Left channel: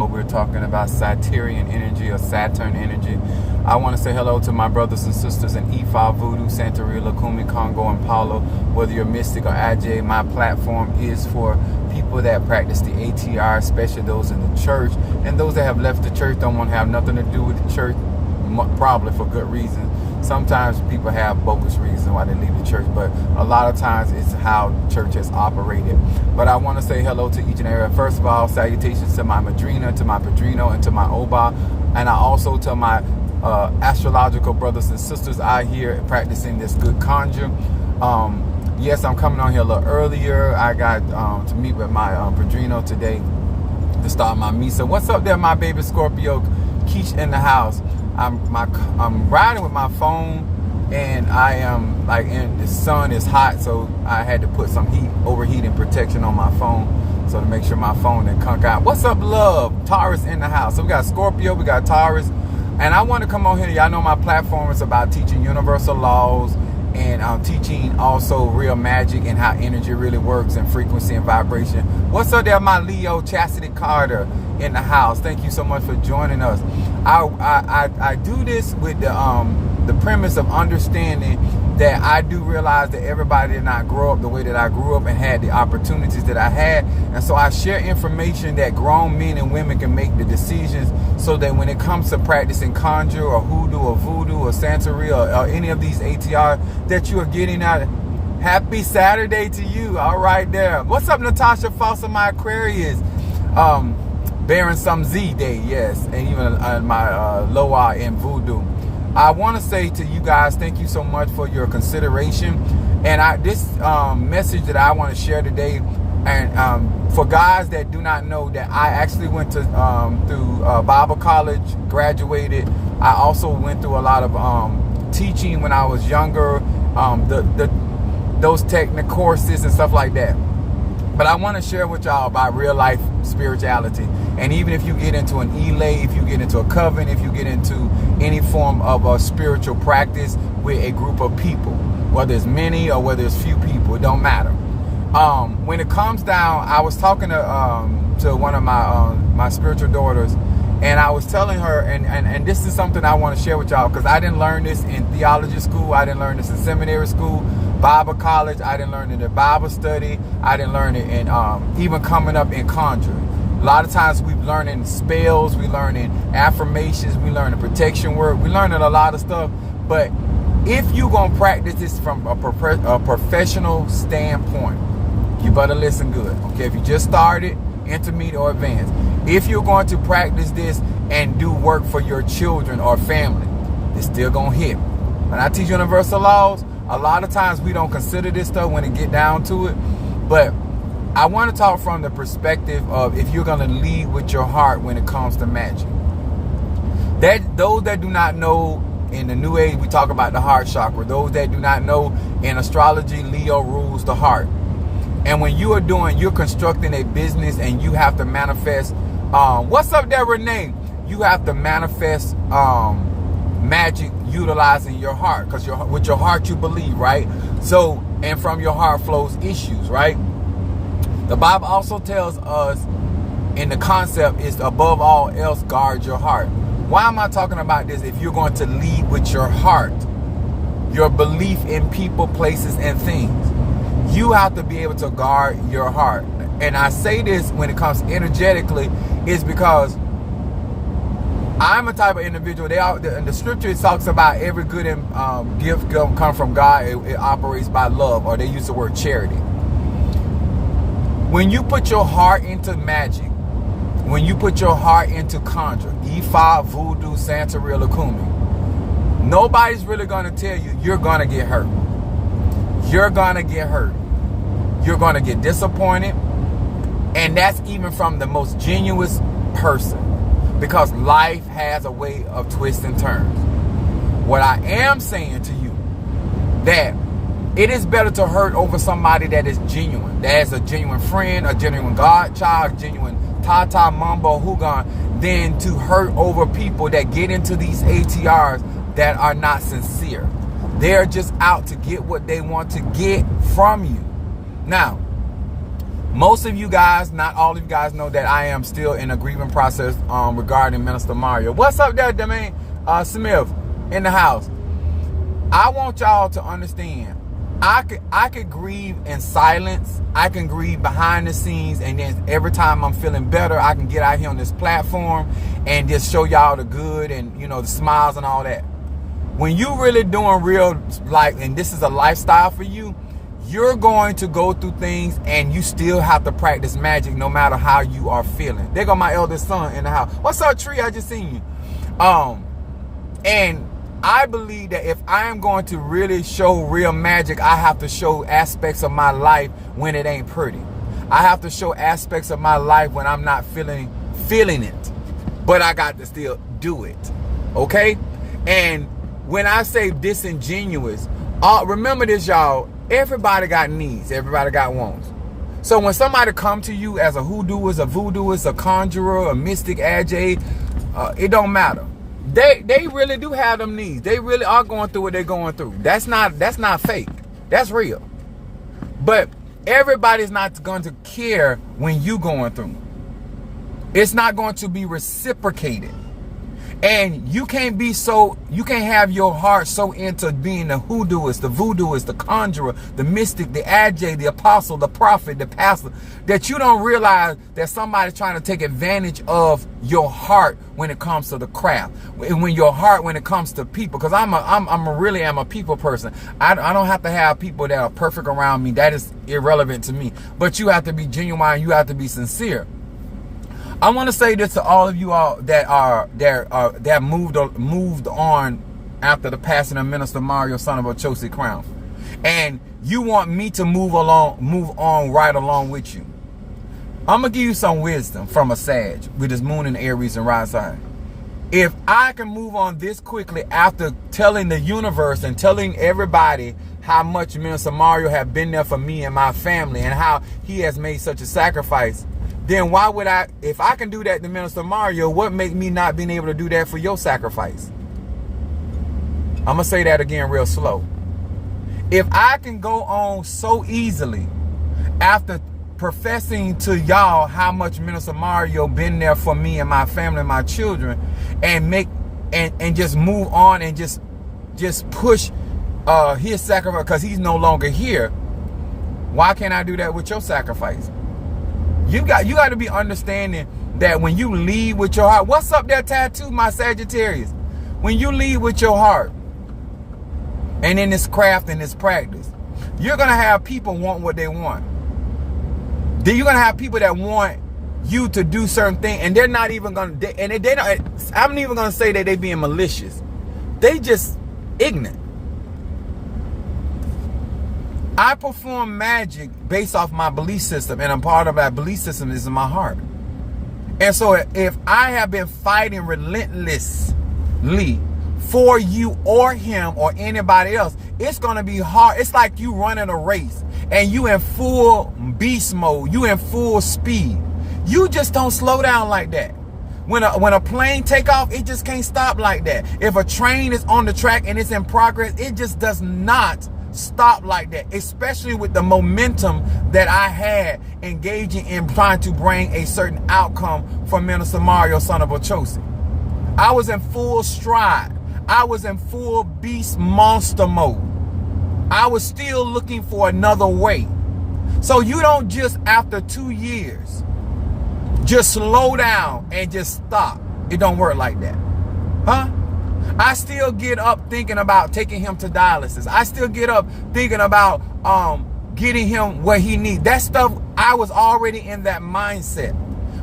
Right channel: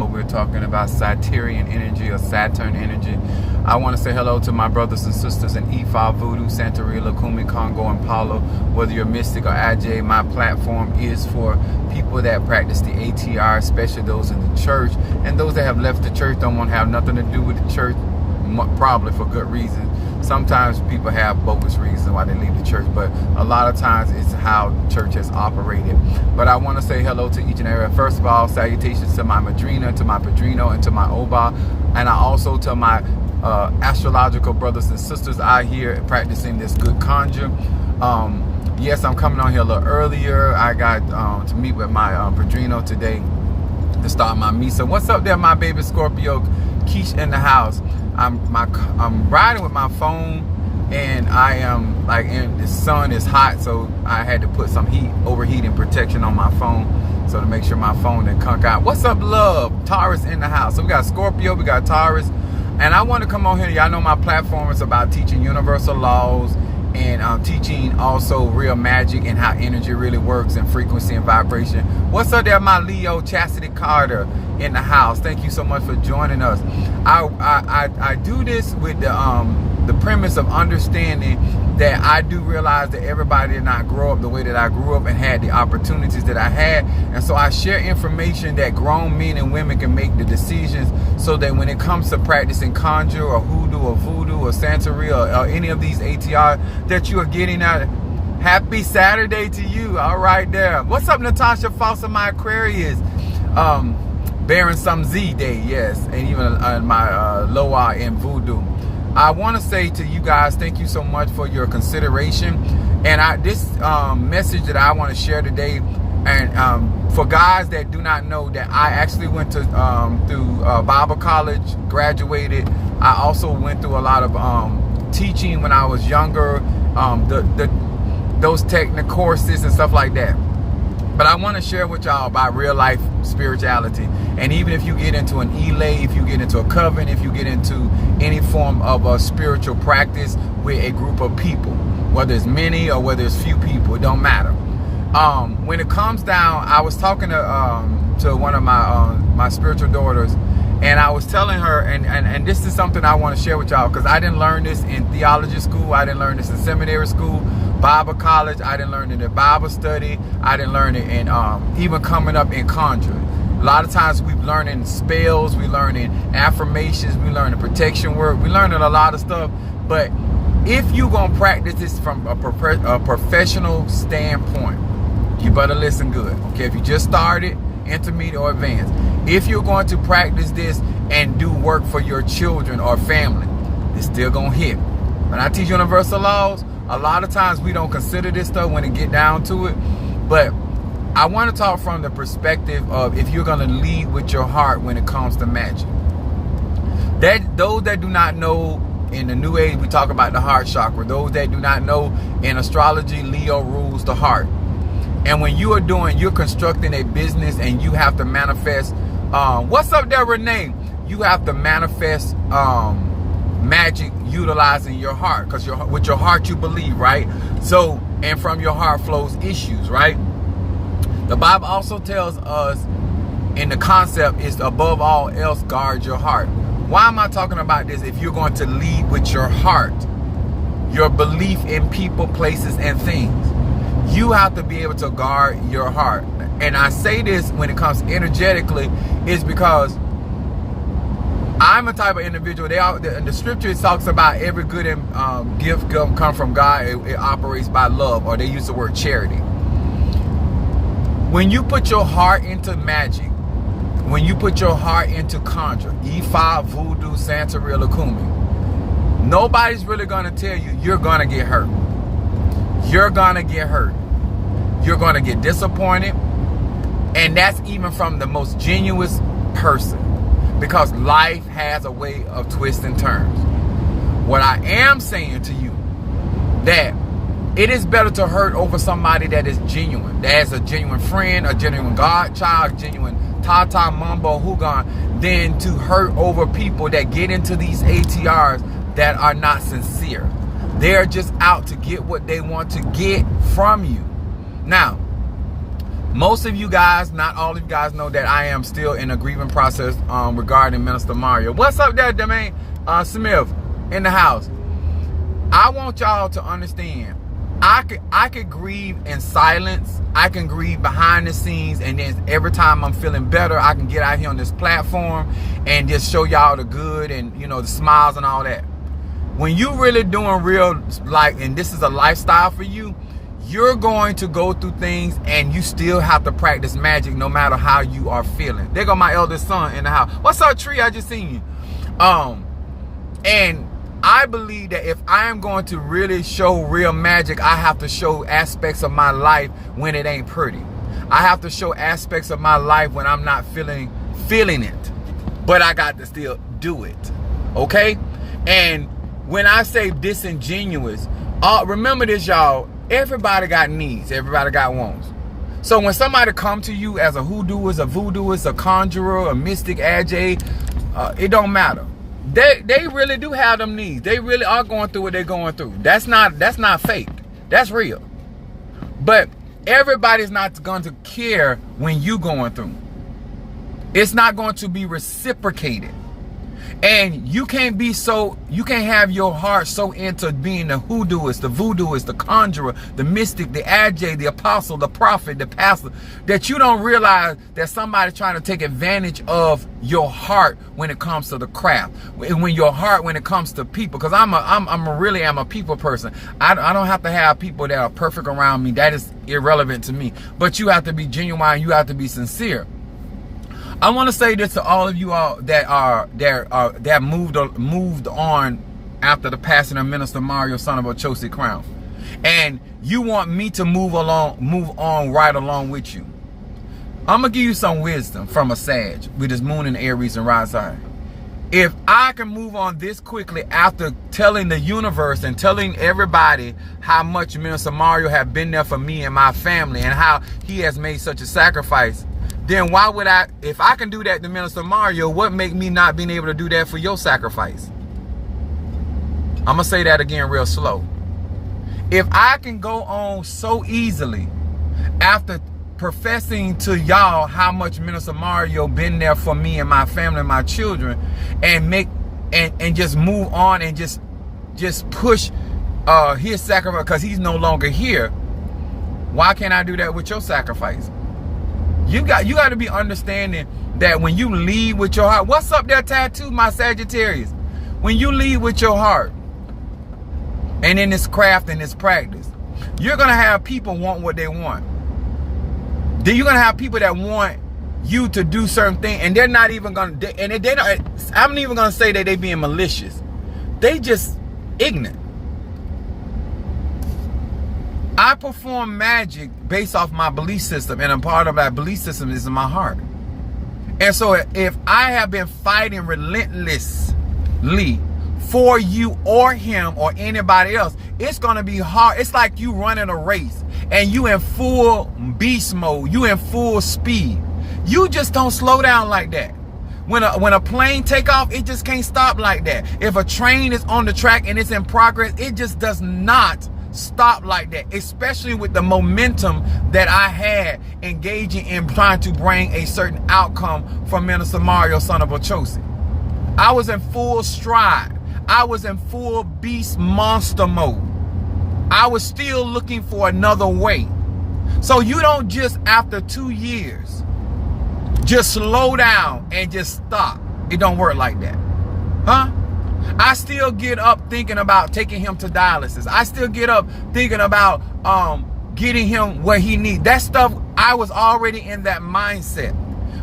We're talking about Satyrian energy or Saturn energy. I want to say hello to my brothers and sisters in Ifa, Voodoo, Santeria, Lukumi, Congo, and Palo. Whether you're mystic or Ajay, my platform is for people that practice the ATR, especially those in the church, and those that have left the church, don't want to have nothing to do with the church, probably for good reason. Sometimes people have bogus reasons why they leave the church, but a lot of times it's how church has operated. But I want to say hello to each and every. First of all, salutations to my Madrina, to my Padrino, and to my Oba, and I also to my astrological brothers and sisters out here practicing this good conjure. Yes, I'm coming on here a little earlier. I got to meet with my Padrino today to start my Misa. What's up there, my baby Scorpio? Keish in the house. I'm riding with my phone, and I am the sun is hot, so I had to put some overheating protection on my phone, so to make sure my phone didn't conk out. What's up, love? Taurus in the house. So we got Scorpio, we got Taurus, and I want to come on here. Y'all know my platform is about teaching universal laws and teaching also real magic and how energy really works and frequency and vibration. What's up there, my Leo Chastity Carter in the house? Thank you so much for joining us. I do this with the premise of understanding that I do realize that everybody did not grow up the way that I grew up and had the opportunities that I had, and so I share information that grown men and women can make the decisions, so that when it comes to practicing conjure or hoodoo or voodoo or Santeria or any of these ATR that you are getting out. Happy Saturday to you. All right there. What's up, Natasha Foster, my Aquarius? Bearing some Z Day, yes, and even my Loa in voodoo. I want to say to you guys, thank you so much for your consideration. And this message that I want to share today, and for guys that do not know, that I actually went to through Bible college, graduated. I also went through a lot of teaching when I was younger, those technical courses and stuff like that. But I want to share with y'all about real life spirituality. And even if you get into an elay, if you get into a coven, if you get into any form of a spiritual practice with a group of people, whether it's many or whether it's few people, it don't matter. When it comes down, I was talking to one of my spiritual daughters, and I was telling her, and this is something I want to share with y'all, because I didn't learn this in theology school, I didn't learn this in seminary school, Bible college, I didn't learn it in Bible study, I didn't learn it in even coming up in conjuring. A lot of times we learn in spells, we learn in affirmations, we learn in protection work, we learn in a lot of stuff. But if you're going to practice this from a professional standpoint, you better listen good. Okay, if you just started, intermediate or advanced, if you're going to practice this and do work for your children or family, it's still going to hit. When I teach universal laws, a lot of times we don't consider this stuff when it get down to it. But I want to talk from the perspective of if you're going to lead with your heart when it comes to magic. Those that do not know, in the New Age, we talk about the heart chakra. Those that do not know, in astrology, Leo rules the heart. And when you are you're constructing a business and you have to manifest, what's up there, Renee? You have to manifest magic utilizing your heart, because with your heart you believe, right? So, and from your heart flows issues, right? The Bible also tells us in the concept is above all else, guard your heart. Why am I talking about this? If you're going to lead with your heart, your belief in people, places, and things, you have to be able to guard your heart. And I say this when it comes energetically is because I'm a type of individual. The scripture talks about every good gift come from God. It operates by love, or they use the word charity. When you put your heart into magic, when you put your heart into conjure, Ifa, voodoo, Santeria, Lukumi, nobody's really going to tell you you're going to get hurt. You're going to get hurt. You're going to get disappointed. And that's even from the most genuine person, because life has a way of twists and turns. What I am saying to you, that it is better to hurt over somebody that is genuine, that is a genuine friend, a genuine godchild, a genuine Tata, Mambo, Hugon, than to hurt over people that get into these ATRs that are not sincere. They're just out to get what they want to get from you. Now, Most of you guys, not all of you guys, know that I am still in a grieving process regarding Minister Mario. What's up there, Demain Smith in the house? I want y'all to understand, I could grieve in silence. I can grieve behind the scenes, and then every time I'm feeling better, I can get out here on this platform and just show y'all the good and, you know, the smiles and all that. When you really doing real, like, and this is a lifestyle for you, you're going to go through things and you still have to practice magic no matter how you are feeling. There go my eldest son in the house. What's up, Tree? I just seen you. And I believe that if I am going to really show real magic, I have to show aspects of my life when it ain't pretty. I have to show aspects of my life when I'm not feeling it. But I got to still do it. Okay? And when I say disingenuous, remember this, y'all. Everybody got needs. Everybody got wants. So when somebody come to you as a hoodooist, a voodooist, a conjurer, a mystic, agate, it don't matter. They really do have them needs. They really are going through what they're going through. That's not fake. That's real. But everybody's not going to care when you going through. It's not going to be reciprocated. And you can't have your heart so into being the hoodooist, the voodooist, the conjurer, the mystic, the agate, the apostle, the prophet, the pastor, that you don't realize that somebody's trying to take advantage of your heart when it comes to the craft, when your heart, when it comes to people. Because I'm really a people person. I don't have to have people that are perfect around me. That is irrelevant to me. But you have to be genuine. You have to be sincere. I want to say this to all of you all that moved on after the passing of Minister Mario, son of Ochosi Crown, and you want me to move on right along with you. I'm gonna give you some wisdom from a Sag with his moon in Aries and rising. If I can move on this quickly after telling the universe and telling everybody how much Minister Mario have been there for me and my family and how he has made such a sacrifice, then why would if I can do that to Minister Mario, what make me not being able to do that for your sacrifice? I'm going to say that again real slow. If I can go on so easily after professing to y'all how much Minister Mario been there for me and my family and my children, and and just move on and just push his sacrifice because he's no longer here, why can't I do that with your sacrifice? You got to be understanding that when you lead with your heart. What's up there, Tattoo, my Sagittarius? When you lead with your heart and in this craft and this practice, you're going to have people want what they want. Then you're going to have people that want you to do certain things, and they're not even going to, and they don't, I'm not even going to say that they being malicious. They just ignorant. I perform magic based off my belief system, and a part of that belief system is in my heart. And so if I have been fighting relentlessly for you or him or anybody else, it's going to be hard. It's like you running a race and you in full beast mode. You in full speed. You just don't slow down like that. When a plane take off, it just can't stop like that. If a train is on the track and it's in progress, it just does not stop like that, especially with the momentum that I had engaging in trying to bring a certain outcome from Minister Mario, son of Ochosi. I was in full stride. I was in full beast monster mode. I was still looking for another way. So you don't just, after 2 years, just slow down and just stop. It don't work like that. Huh? I still get up thinking about taking him to dialysis. I still get up thinking about getting him what he needs. That stuff, I was already in that mindset.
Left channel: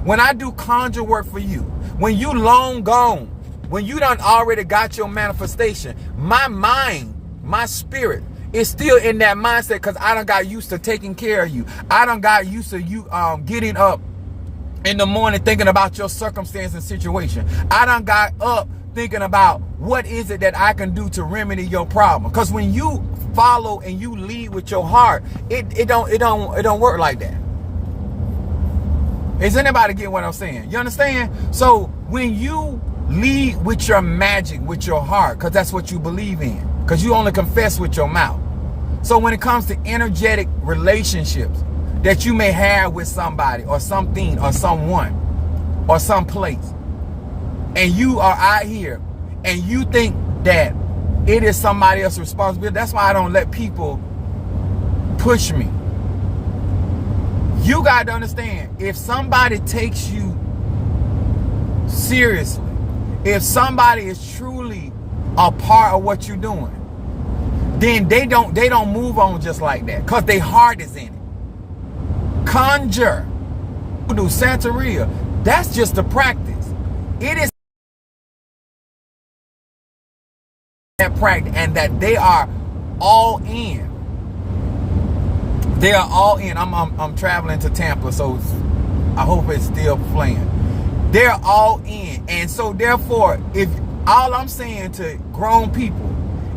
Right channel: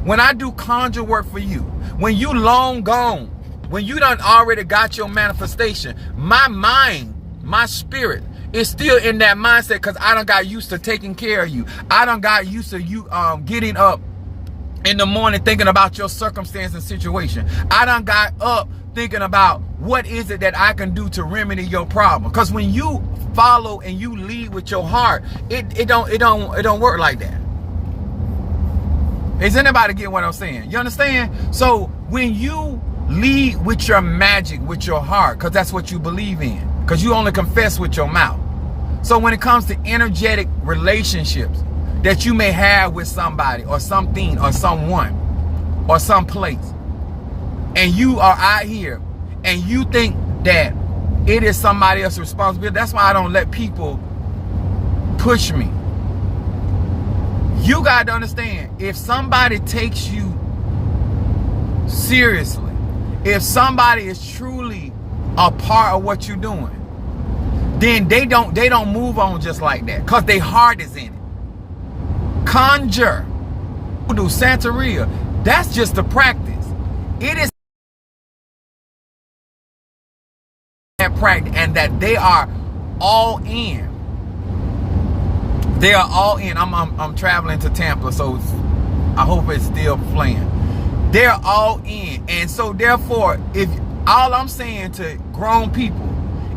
When I do conjure work for you, when you long gone, when you done already got your manifestation, my mind, my spirit is still in that mindset because I done got used to taking care of you. I done got used to you getting up in the morning thinking about your circumstance and situation. I done got up thinking about what is it that I can do to remedy your problem. Because when you follow and you lead with your heart, it don't work like that. Is anybody getting what I'm saying? You understand? So when you lead with your magic, with your heart, because that's what you believe in, because you only confess with your mouth. So when it comes to energetic relationships, that you may have with somebody or something or someone or some place, and you are out here and you think that it is somebody else's responsibility. That's why I don't let people push me. You got to understand, if somebody takes you seriously, if somebody is truly a part of what you're doing, then they don't move on just like that, because their heart is in it. Conjure, do Santeria, that's just the practice. It is that practice, and that they are all in. They are all in. I'm traveling to Tampa, so I hope it's still playing. They're all in. And so therefore, if all I'm saying to grown people,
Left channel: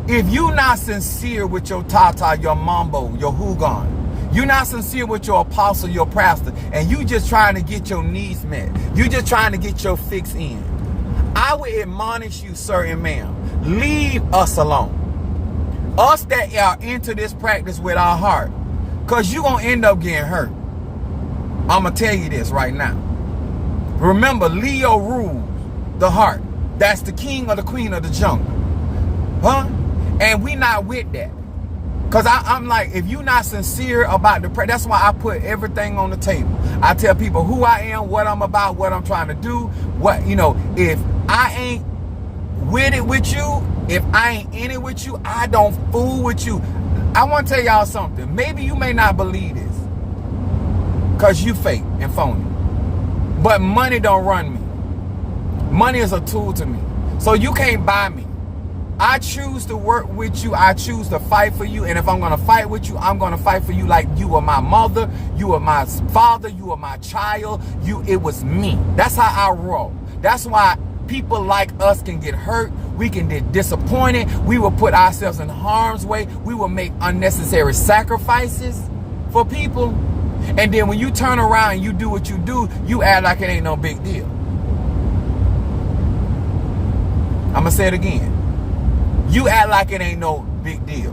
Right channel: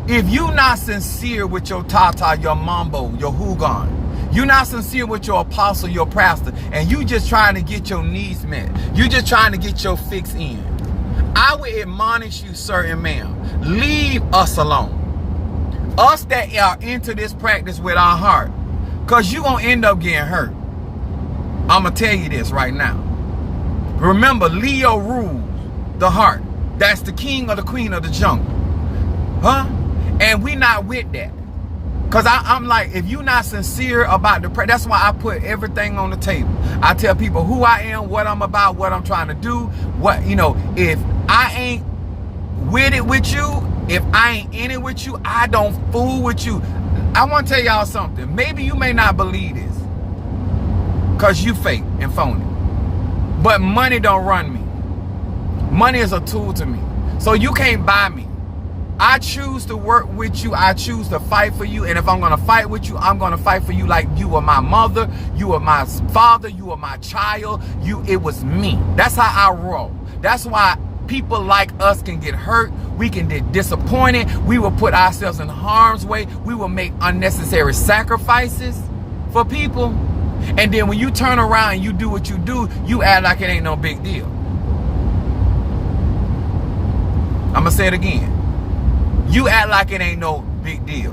if you're not sincere with your tata, your mambo, your hugan, you're not sincere with your apostle, your pastor, and you just trying to get your needs met, you just trying to get your fix in, I would admonish you, sir and ma'am, leave us alone. Us that are into this practice with our heart, because you're going to end up getting hurt. I'm going to tell you this right now. Remember, Leo rules the heart. That's the king or the queen of the jungle. Huh? And we not with that. Because I'm like, if you're not sincere about the prayer, that's why I put everything on the table. I tell people who I am, what I'm about, what I'm trying to do. What, you know, if I ain't with it with you, if I ain't in it with you, I don't fool with you. I want to tell y'all something. Maybe you may not believe this, because you fake and phony. But money don't run me. Money is a tool to me. So you can't buy me. I choose to work with you. I choose to fight for you. And if I'm going to fight with you, I'm going to fight for you like you are my mother. You are my father. You are my child. It was me. That's how I roll. That's why people like us can get hurt. We can get disappointed. We will put ourselves in harm's way. We will make unnecessary sacrifices for people. And then when you turn around and you do what you do, you act like it ain't no big deal. I'm going to say it again. You act like it ain't no big deal.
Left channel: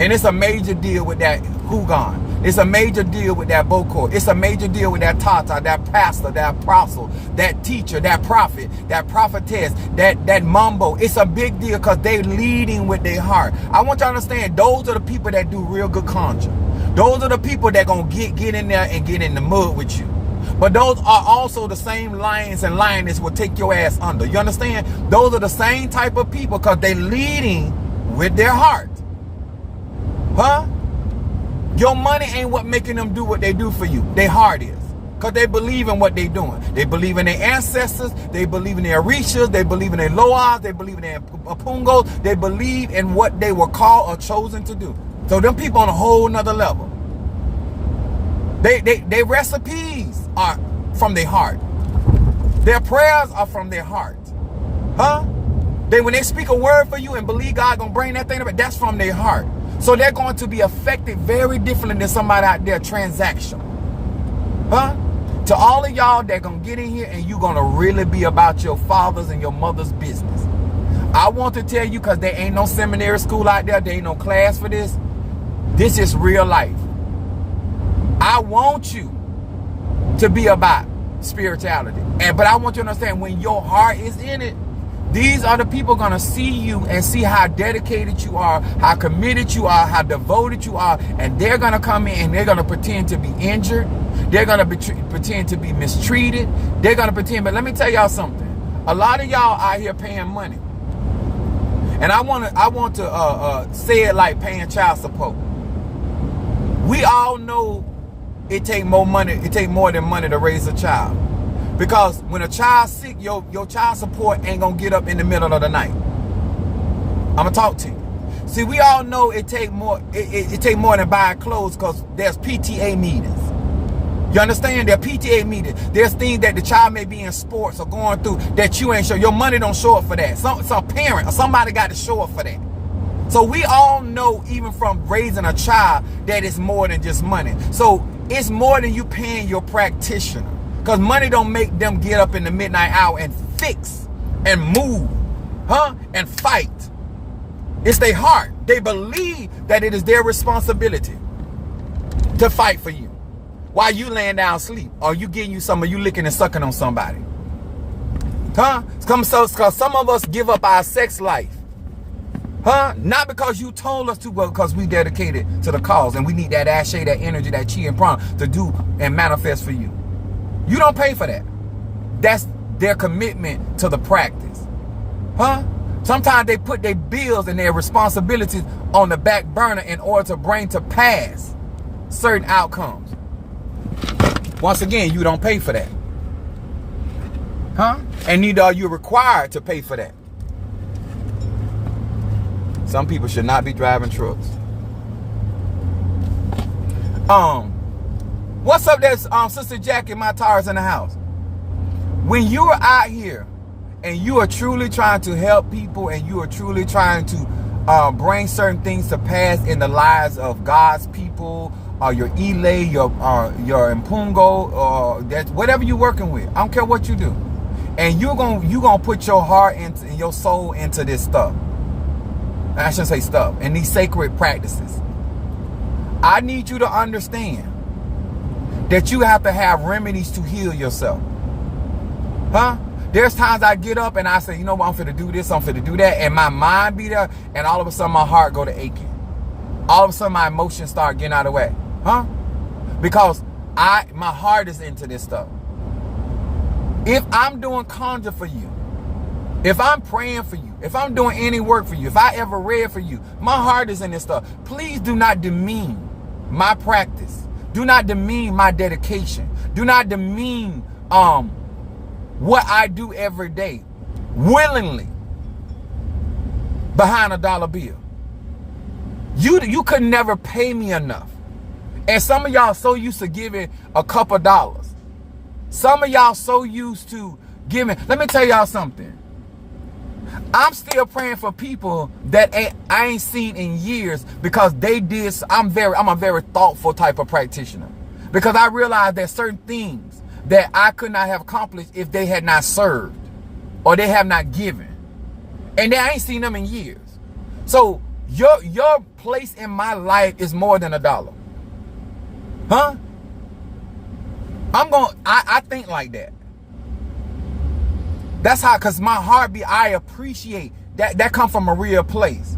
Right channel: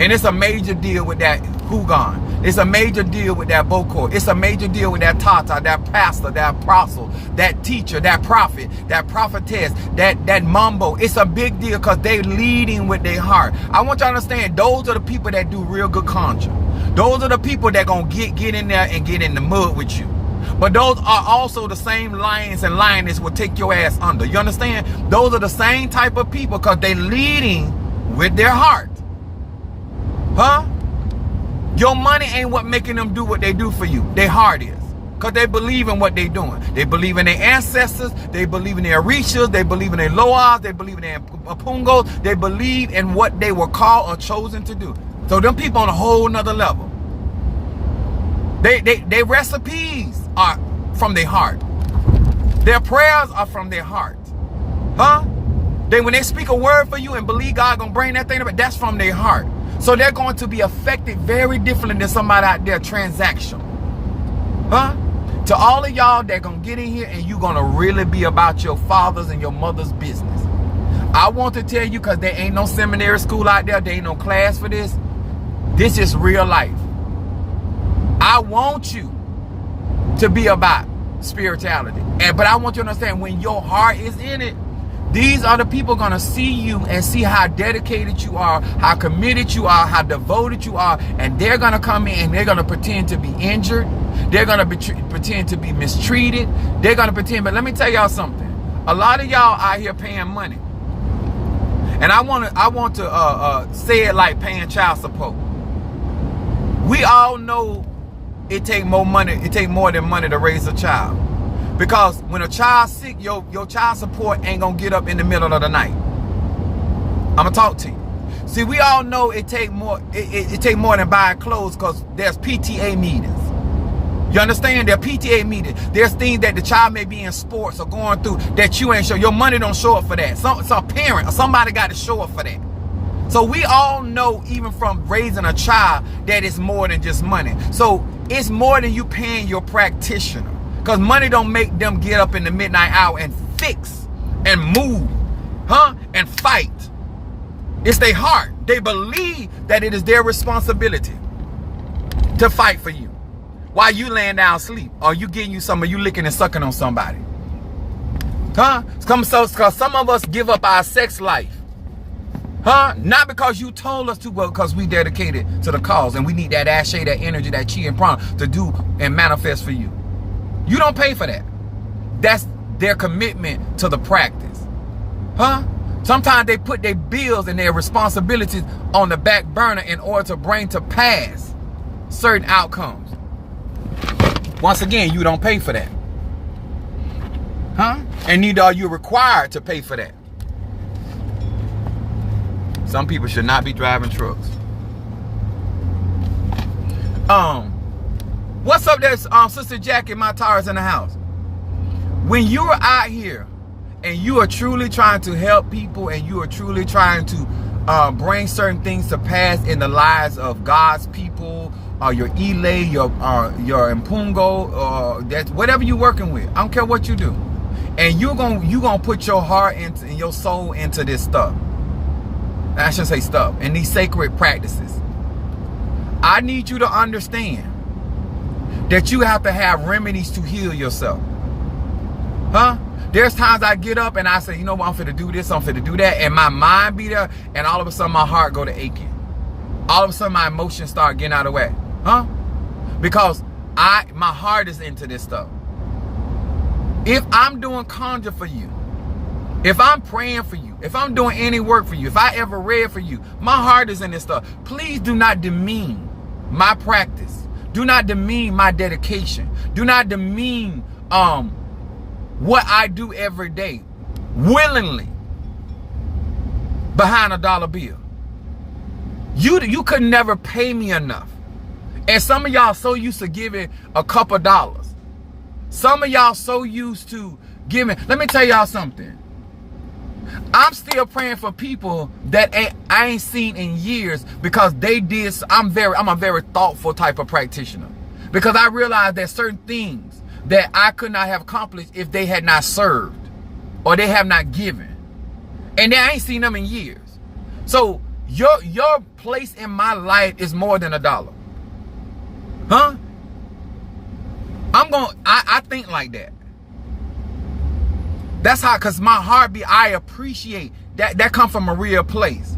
And it's a major deal with that Hugan. It's a major deal with that Boko. It's a major deal with that Tata, that pastor, that apostle, that teacher, that prophet, that prophetess, that mambo. It's a big deal because they leading with their heart. I want you to understand, those are the people that do real good conjure. Those are the people that gonna get in there and get in the mud with you. But those are also the same lions and lionesses will take your ass under. You understand? Those are the same type of people because they leading with their heart. Huh? Your money ain't what making them do what they do for you. Their heart is. Because they believe in what they're doing. They believe in their ancestors. They believe in their Orishas. They believe in their Loas. They believe in their Apungos. They believe in what they were called or chosen to do. So them people on a whole nother level. Their recipes are from their heart. Their prayers are from their heart. Huh? When they speak a word for you and believe God gonna bring that thing up, that's from their heart. So they're going to be affected very differently than somebody out there transactional. Huh? To all of y'all that gonna get in here and you gonna really be about your father's and your mother's business. I want to tell you, because there ain't no seminary school out there, there ain't no class for this. This is real life. I want you to be about spirituality. But I want you to understand, when your heart is in it, these are the people going to see you and see how dedicated you are, how committed you are, how devoted you are. And they're going to come in and they're going to pretend to be injured. They're going to pretend to be mistreated. They're going to pretend. But let me tell y'all something. A lot of y'all out here paying money. And I want to say it like paying child support. We all know it take more money. It take more than money to raise a child. Because when a child's sick, your child support ain't gonna get up in the middle of the night. I'ma talk to you. See, we all know it take more. It take more than buying clothes, because there's PTA meetings. You understand? There are PTA meetings. There's things that the child may be in sports or going through that you ain't sure. Your money don't show up for that. Some parent or somebody got to show up for that. So we all know, even from raising a child, that it's more than just money. So it's more than you paying your practitioner. Because money don't make them get up in the midnight hour and fix and move, huh? And fight. It's their heart. They believe that it is their responsibility to fight for you. while you laying down asleep, or you getting you some, or you licking and sucking on somebody? Huh? Because some of us give up our sex life. Huh? Not because you told us to, but because we dedicated to the cause, and we need that ashe, that energy, that chi and prana to do and manifest for you. You don't pay for that. That's their commitment to the practice. Huh? Sometimes they put their bills and their responsibilities on the back burner in order to bring to pass certain outcomes. Once again, you don't pay for that. Huh? And neither are you required to pay for that. Some people should not be driving trucks. What's up there, Sister Jackie? My tires in the house. When you are out here and you are truly trying to help people, and you are truly trying to bring certain things to pass in the lives of God's people, your Ile, your Mpungo, or that's whatever you're working with. I don't care what you do, and you're gonna put your heart and your soul into this stuff. I shouldn't say stuff, and these sacred practices. I need you to understand that you have to have remedies to heal yourself. Huh? There's times I get up and I say, you know what, I'm finna do this, I'm finna do that, and my mind be there, and all of a sudden my heart go to aching. All of a sudden my emotions start getting out of the way. Huh? Because my heart is into this stuff. If I'm doing conjure for you, if I'm praying for you, if I'm doing any work for you, if I ever read for you, my heart is in this stuff. Please do not demean my practice. Do not demean my dedication. Do not demean what I do every day willingly behind a dollar bill. You could never pay me enough. And some of y'all so used to giving a couple dollars. Some of y'all so used to giving. Let me tell y'all something. I'm still praying for people that I ain't seen in years, because they did. I'm a very thoughtful type of practitioner, because I realized that certain things that I could not have accomplished if they had not served or they have not given, and I ain't seen them in years. So your place in my life is more than $1. Huh? I think like that. That's how, because my heart I appreciate that come from a real place.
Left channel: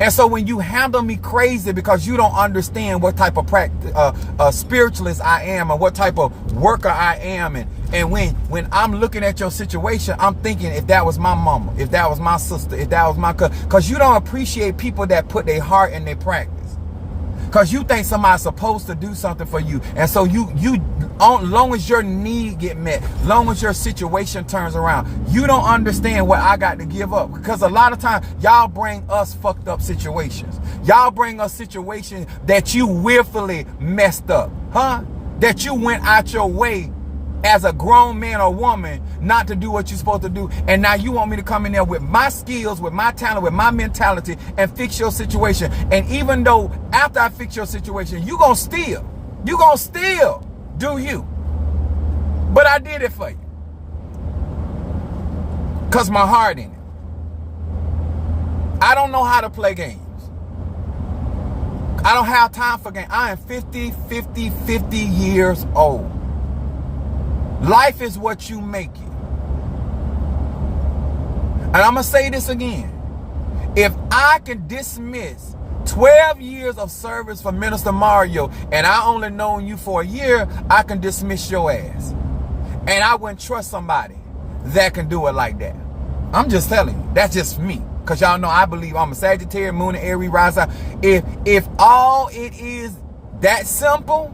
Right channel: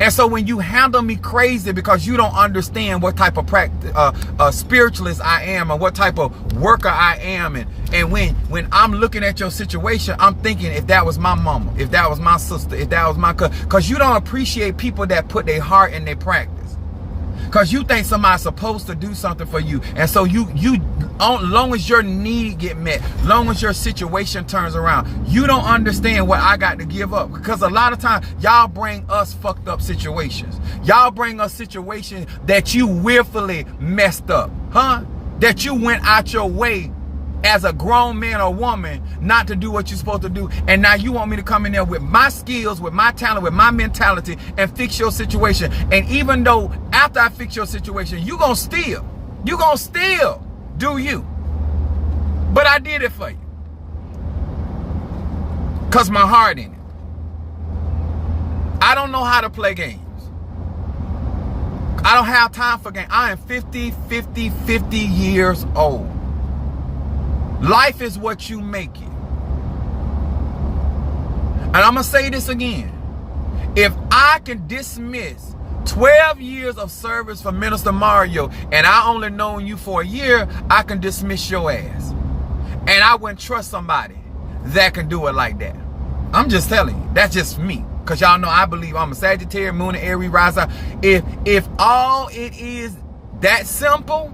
And so when you handle me crazy because you don't understand what type of spiritualist I am, and what type of worker I am, and when I'm looking at your situation, I'm thinking, if that was my mama, if that was my sister, if that was my cousin, because you don't appreciate people that put their heart in their practice. Because you think somebody's supposed to do something for you. And so long as your need get met, long as your situation turns around, you don't understand what I got to give up. Because a lot of times, y'all bring us fucked up situations. Y'all bring us situations that you willfully messed up. Huh? That you went out your way as a grown man or woman not to do what you're supposed to do. And now you want me to come in there with my skills, with my talent, with my mentality, and fix your situation. And even though after I fix your situation, you gonna still do you. But I did it for you. Because my heart in it. I don't know how to play games. I don't have time for games. I am 50 years old. Life is what you make it. And I'm going to say this again. If I can dismiss 12 years of service for Minister Mario, and I only known you for a year, I can dismiss your ass. And I wouldn't trust somebody that can do it like that. I'm just telling you. That's just me. Because y'all know I believe I'm a Sagittarius, Moon and Aries rising. If all it is that simple,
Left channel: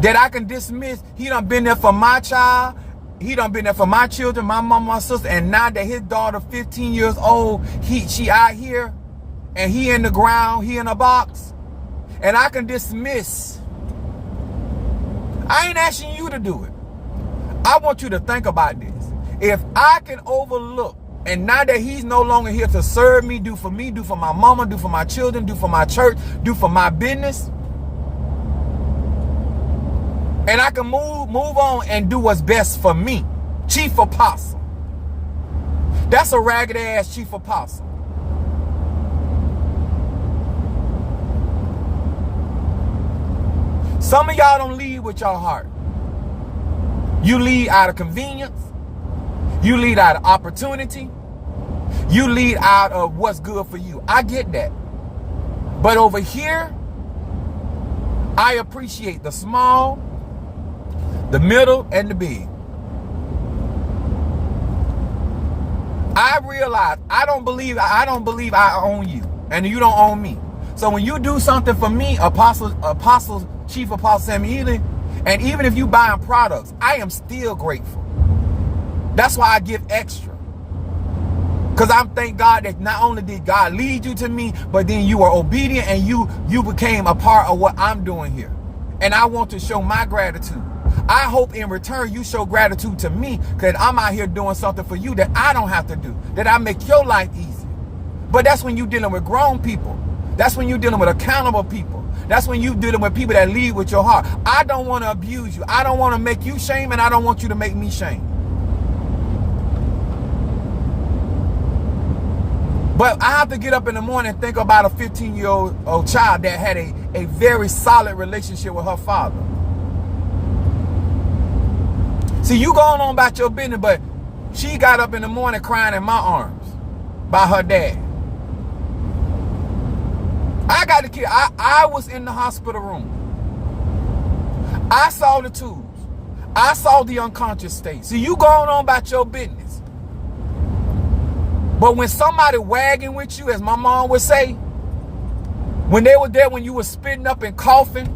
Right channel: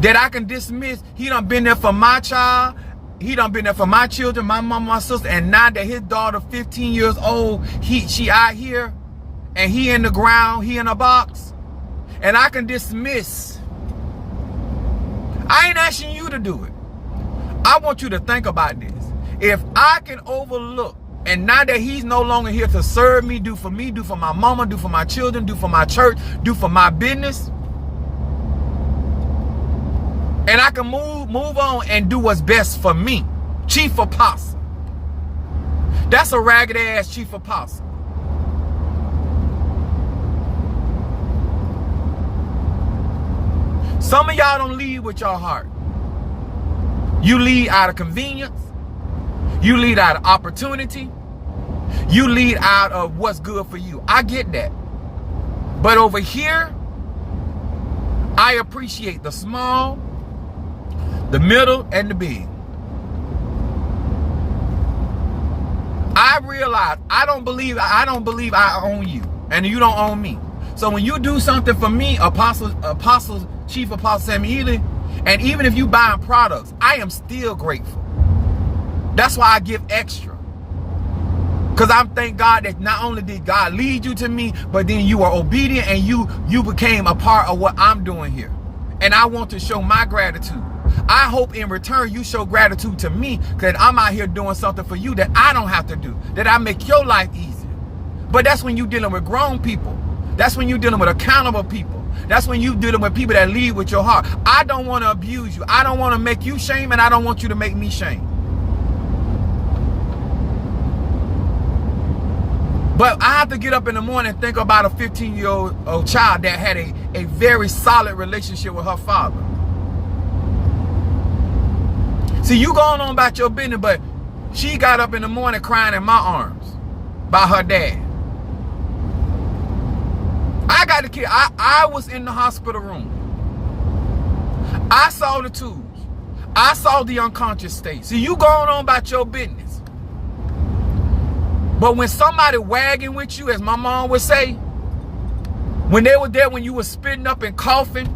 that I can dismiss, he done been there for my child, he done been there for my children, my mom, my sister, and now that his daughter 15 years old, she out here, and he in the ground, he in a box, and I can dismiss. I ain't asking you to do it. I want you to think about this. If I can overlook, and now that he's no longer here to serve me, do for my mama, do for my children, do for my church, do for my business, and I can move on and do what's best for me. Chief Apostle. That's a ragged ass Chief Apostle. Some of y'all don't lead with your heart. You lead out of convenience. You lead out of opportunity. You lead out of what's good for you. I get that. But over here, I appreciate the small, the middle, and the big. I realize I don't believe I own you, and you don't own me. So when you do something for me, Chief Apostle Samuel Ely, and even if you buying products, I am still grateful. That's why I give extra. Because I thank God that not only did God lead you to me, but then you were obedient and you became a part of what I'm doing here. And I want to show my gratitude. I hope in return you show gratitude to me, because I'm out here doing something for you that I don't have to do, that I make your life easier. But that's when you're dealing with grown people. That's when you're dealing with accountable people. That's when you're dealing with people that lead with your heart. I don't want to abuse you. I don't want to make you shame, and I don't want you to make me shame. But I have to get up in the morning and think about a 15-year-old child that had a very solid relationship with her father. See, you going on about your business, but she got up in the morning crying in my arms by her dad. I got the kid. I was in the hospital room. I saw the tools. I saw the unconscious state. See, you going on about your business. But when somebody wagging with you, as my mom would say, when they were there, when you were spitting up and coughing,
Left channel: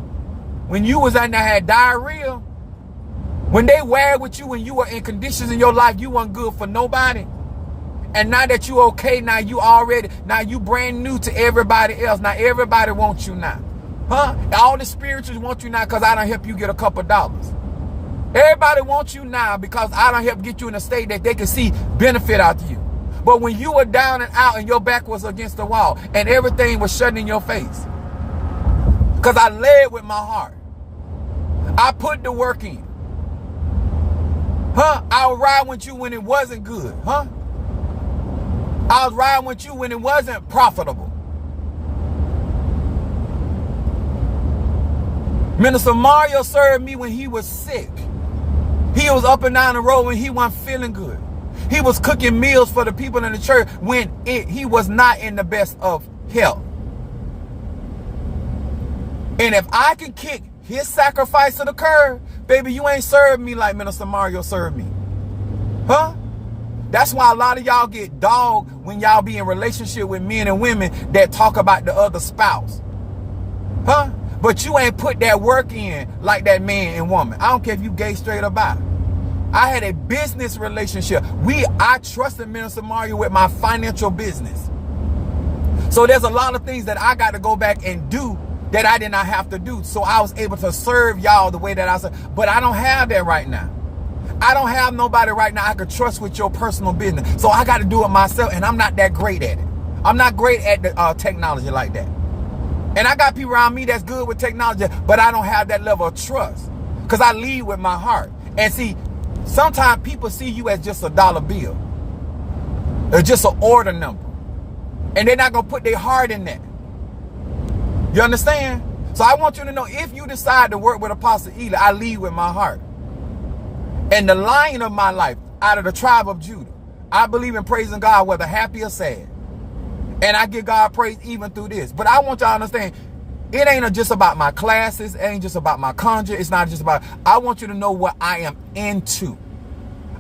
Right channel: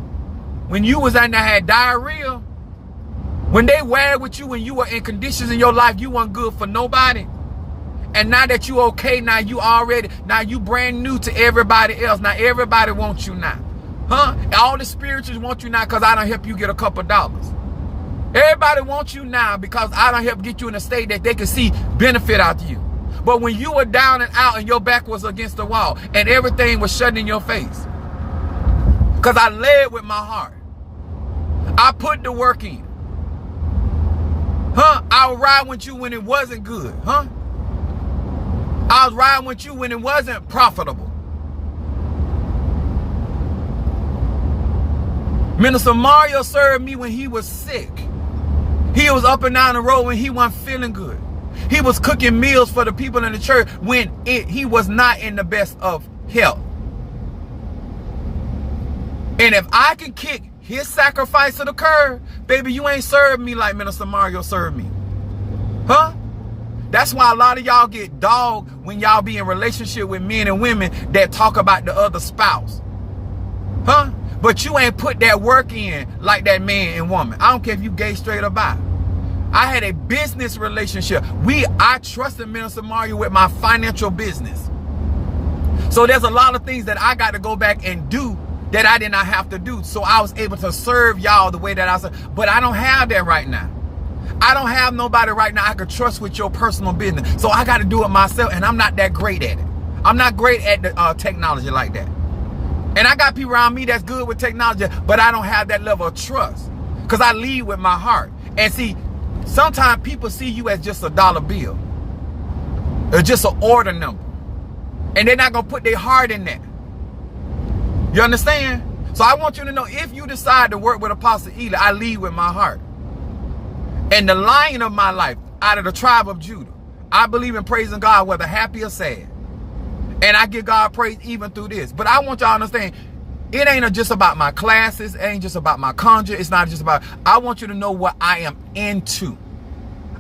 when you was in there had diarrhea, when they wag with you when you were in conditions in your life you weren't good for nobody, and now that you okay, now you brand new to everybody else. Now everybody wants you now. Huh? All the spirituals want you now because I done help you get a couple dollars. Everybody wants you now because I done help get you in a state that they can see benefit out of you. But when you were down and out and your back was against the wall and everything was shutting in your face, because I led with my heart. I put the work in. Huh? I would ride with you when it wasn't good. Huh? I was riding with you when it wasn't profitable. Minister Mario served me when he was sick. He was up and down the road when he wasn't feeling good. He was cooking meals for the people in the church when he was not in the best of health. And if I can kick his sacrifice to the curb, baby, you ain't served me like Minister Mario served me. Huh? That's why a lot of y'all get dogged when y'all be in relationship with men and women that talk about the other spouse. Huh? But you ain't put that work in like that man and woman. I don't care if you gay, straight, or bi. I had a business relationship. I trusted Minister Mario with my financial business. So there's a lot of things that I got to go back and do that I did not have to do. So I was able to serve y'all the way that I serve. But I don't have that right now. I don't have nobody right now I could trust with your personal business. So I got to do it myself, and I'm not that great at it. I'm not great at the technology like that. And I got people around me that's good with technology, but I don't have that level of trust because I lead with my heart. And see, sometimes people see you as just a dollar bill or just an order number, and they're not going to put their heart in that. You understand? So I want you to know, if you decide to work with Apostle Ely, I lead with my heart. And the lion of my life, out of the tribe of Judah, I believe in praising God, whether happy or sad. And I give God praise even through this. But I want y'all to understand, it ain't just about my classes. It ain't just about my conjure. It's not just about, I want you to know what I am into.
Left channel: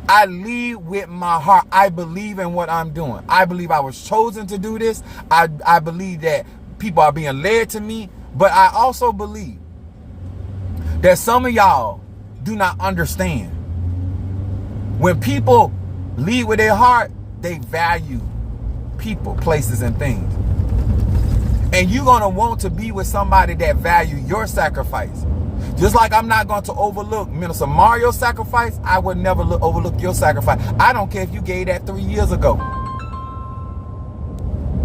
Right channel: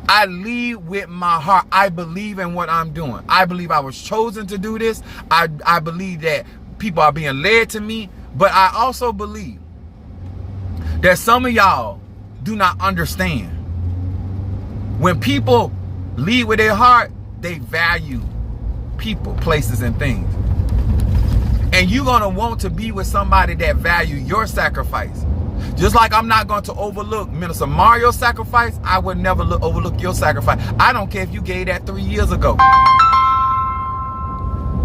I lead with my heart. I believe in what I'm doing. I believe I was chosen to do this. I believe that people are being led to me. But I also believe that some of y'all do not understand. When people lead with their heart, they value people, places, and things. And you're going to want to be with somebody that value your sacrifice. Just like I'm not going to overlook Minister Mario's sacrifice, I would never overlook your sacrifice. I don't care if you gave that 3 years ago.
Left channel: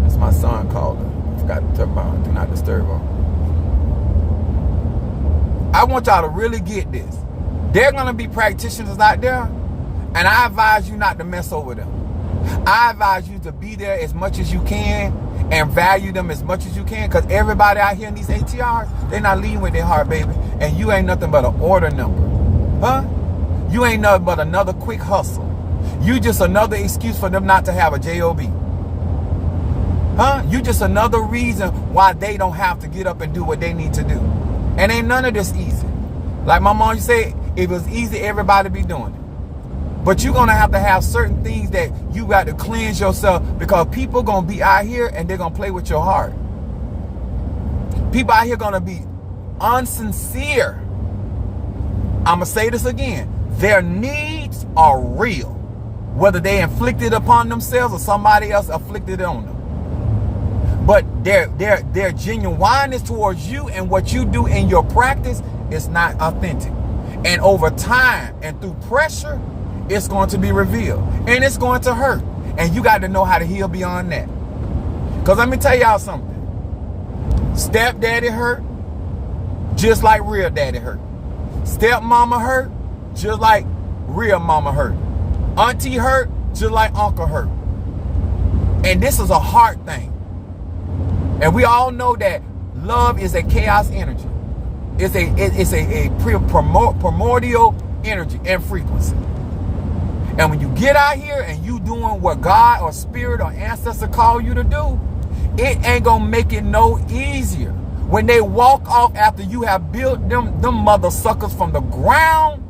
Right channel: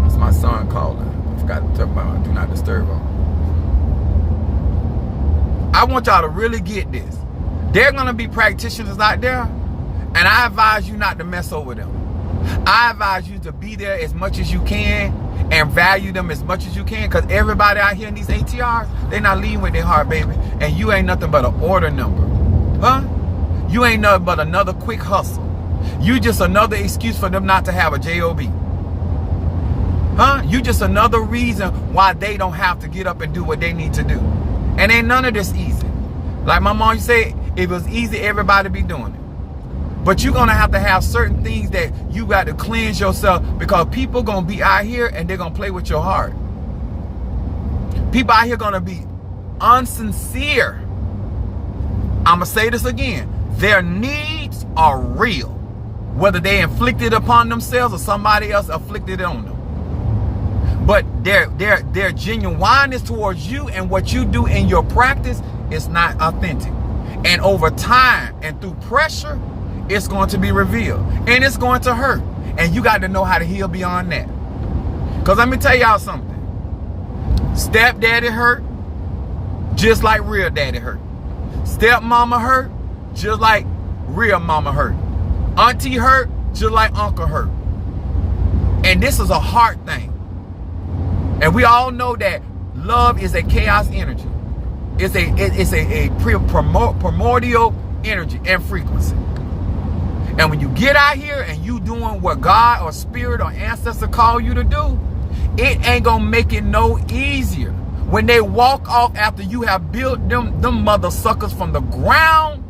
That's my son calling. I forgot to talk about do not disturb him. I want y'all to really get this. There are going to be practitioners out there, and I advise you not to mess over them. I advise you to be there as much as you can and value them as much as you can, because everybody out here in these ATRs, they're not leading with their heart, baby. And you ain't nothing but an order number. Huh? You ain't nothing but another quick hustle. You just another excuse for them not to have a job. Huh? You just another reason why they don't have to get up and do what they need to do. And ain't none of this easy. Like my mom said, if it was easy, everybody be doing it. But you're going to have certain things that you got to cleanse yourself, because people going to be out here and they're going to play with your heart. People out here going to be unsincere. I'm going to say this again. Their needs are real, whether they inflicted upon themselves or somebody else afflicted it on them. But their genuineness towards you and what you do in your practice is not authentic. And over time and through pressure, it's going to be revealed. And it's going to hurt. And you got to know how to heal beyond that. Because let me tell y'all something. Stepdaddy hurt just like real daddy hurt. Stepmama hurt just like real mama hurt. Auntie hurt just like uncle hurt. And this is a heart thing. And we all know that love is a chaos energy. It's a primordial energy and frequency. And when you get out here and you doing what God or spirit or ancestor call you to do, it ain't gonna make it no easier. When they walk off after you have built them mother suckers from the ground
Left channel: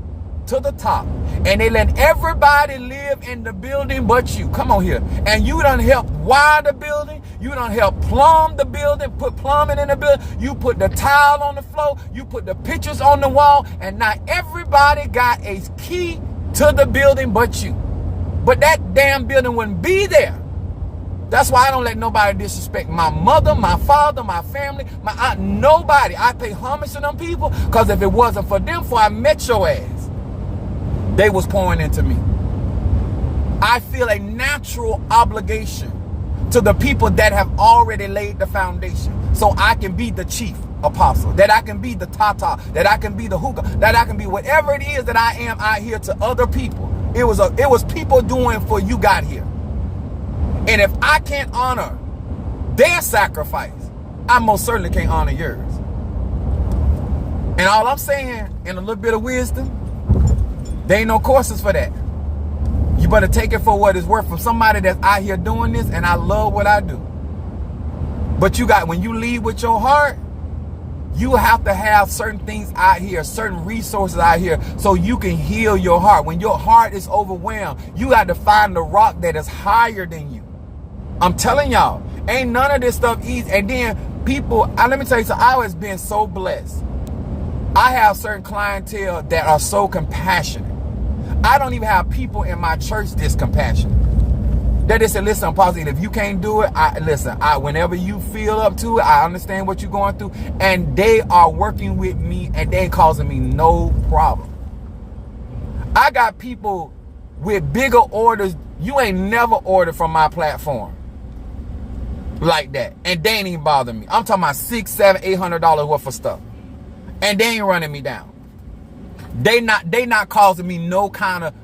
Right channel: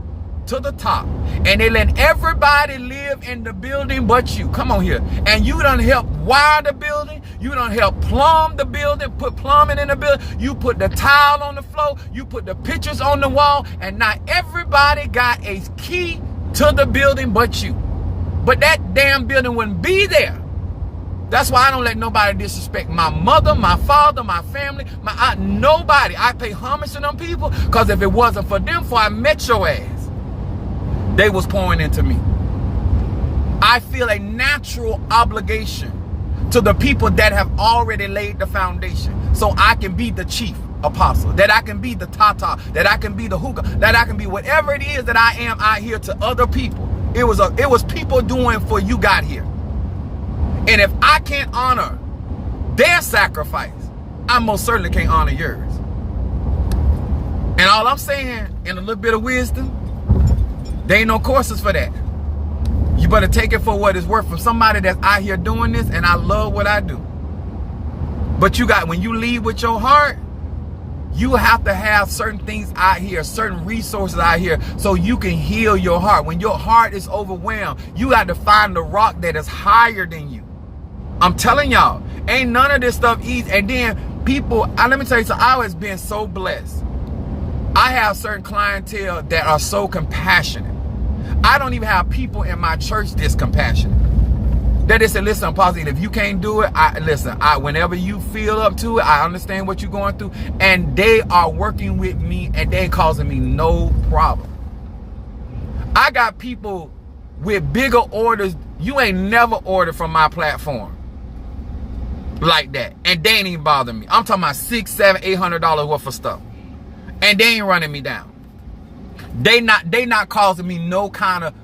to the top, and they let everybody live in the building but you. Come on here. And you done help wire the building. You done help plumb the building, put plumbing in the building. You put the tile on the floor. You put the pictures on the wall. And now everybody got a key to the building but you. But that damn building wouldn't be there. That's why I don't let nobody disrespect my mother, my father, my family, my aunt, nobody. I pay homage to them people, because if it wasn't for them, before I met your ass, they was pouring into me. I feel a natural obligation to the people that have already laid the foundation, so I can be the chief apostle, that I can be the tata, that I can be the hookah, that I can be whatever it is that I am out here to other people. It was people doing for you got here. And if I can't honor their sacrifice, I most certainly can't honor yours. And all I'm saying, in a little bit of wisdom, there ain't no courses for that. You better take it for what it's worth from somebody that's out here doing this, and I love what I do. But when you lead with your heart, you have to have certain things out here, certain resources out here, so you can heal your heart. When your heart is overwhelmed, you got to find the rock that is higher than you. I'm telling y'all, ain't none of this stuff easy. And then people, let me tell you something, I was being so blessed. I have certain clientele that are so compassionate. I don't even have people in my church this compassionate. That they say, listen, I'm positive. If you can't do it, whenever you feel up to it, I understand what you're going through. And they are working with me, and they ain't causing me no problem. I got people with bigger orders. You ain't never ordered from my platform like that. And they ain't even bothering me. I'm talking about $600, $700, $800 worth of stuff. And they ain't running me down. They not causing me no kind of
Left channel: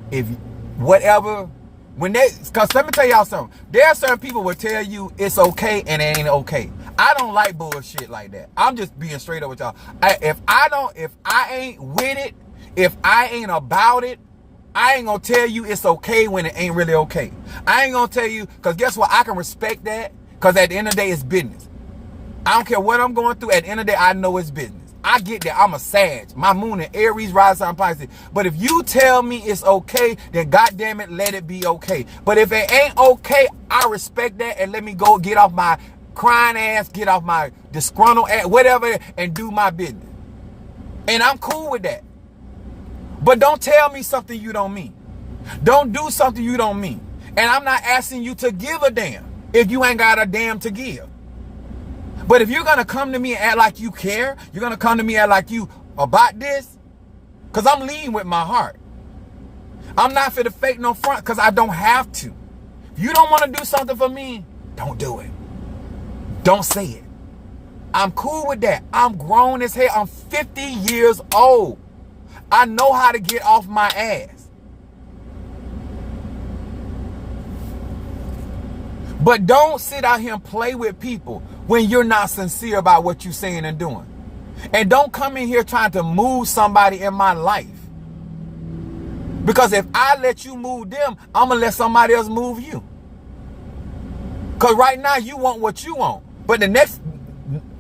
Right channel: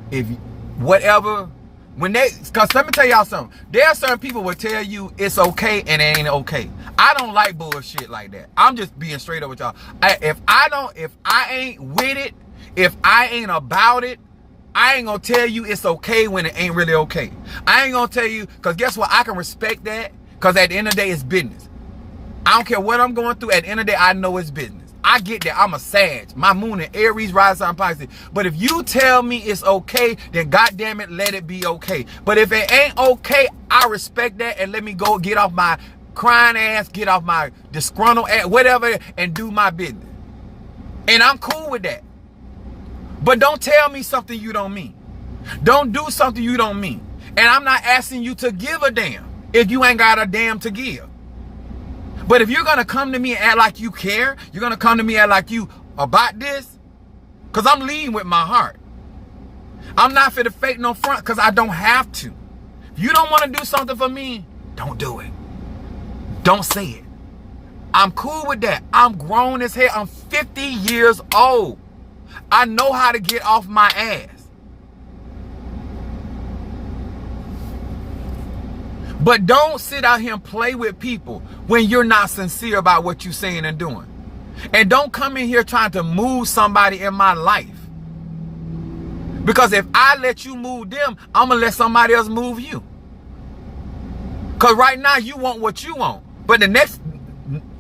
whatever. Because let me tell y'all something. There are certain people will tell you it's okay and it ain't okay. I don't like bullshit like that. I'm just being straight up with y'all. If I ain't with it, if I ain't about it, I ain't gonna tell you it's okay when it ain't really okay. I ain't gonna tell you, because guess what? I can respect that, because at the end of the day, it's business. I don't care what I'm going through. At the end of the day, I know it's business. I get that. I'm a Sag. My moon in Aries, rising sign Pisces. But if you tell me it's okay, then goddamn it, let it be okay. But if it ain't okay, I respect that, and let me go get off my crying ass, get off my disgruntled ass, whatever, and do my business. And I'm cool with that. But don't tell me something you don't mean. Don't do something you don't mean. And I'm not asking you to give a damn if you ain't got a damn to give. But if you're going to come to me and act like you care, you're going to come to me and act like you about this, because I'm leading with my heart. I'm not for the fake no front, because I don't have to. If you don't want to do something for me, don't do it. Don't say it. I'm cool with that. I'm grown as hell. I'm 50 years old. I know how to get off my ass. But don't sit out here and play with people when you're not sincere about what you're saying and doing. And don't come in here trying to move somebody in my life. Because if I let you move them, I'm going to let somebody else move you. Because right now you want what you want. But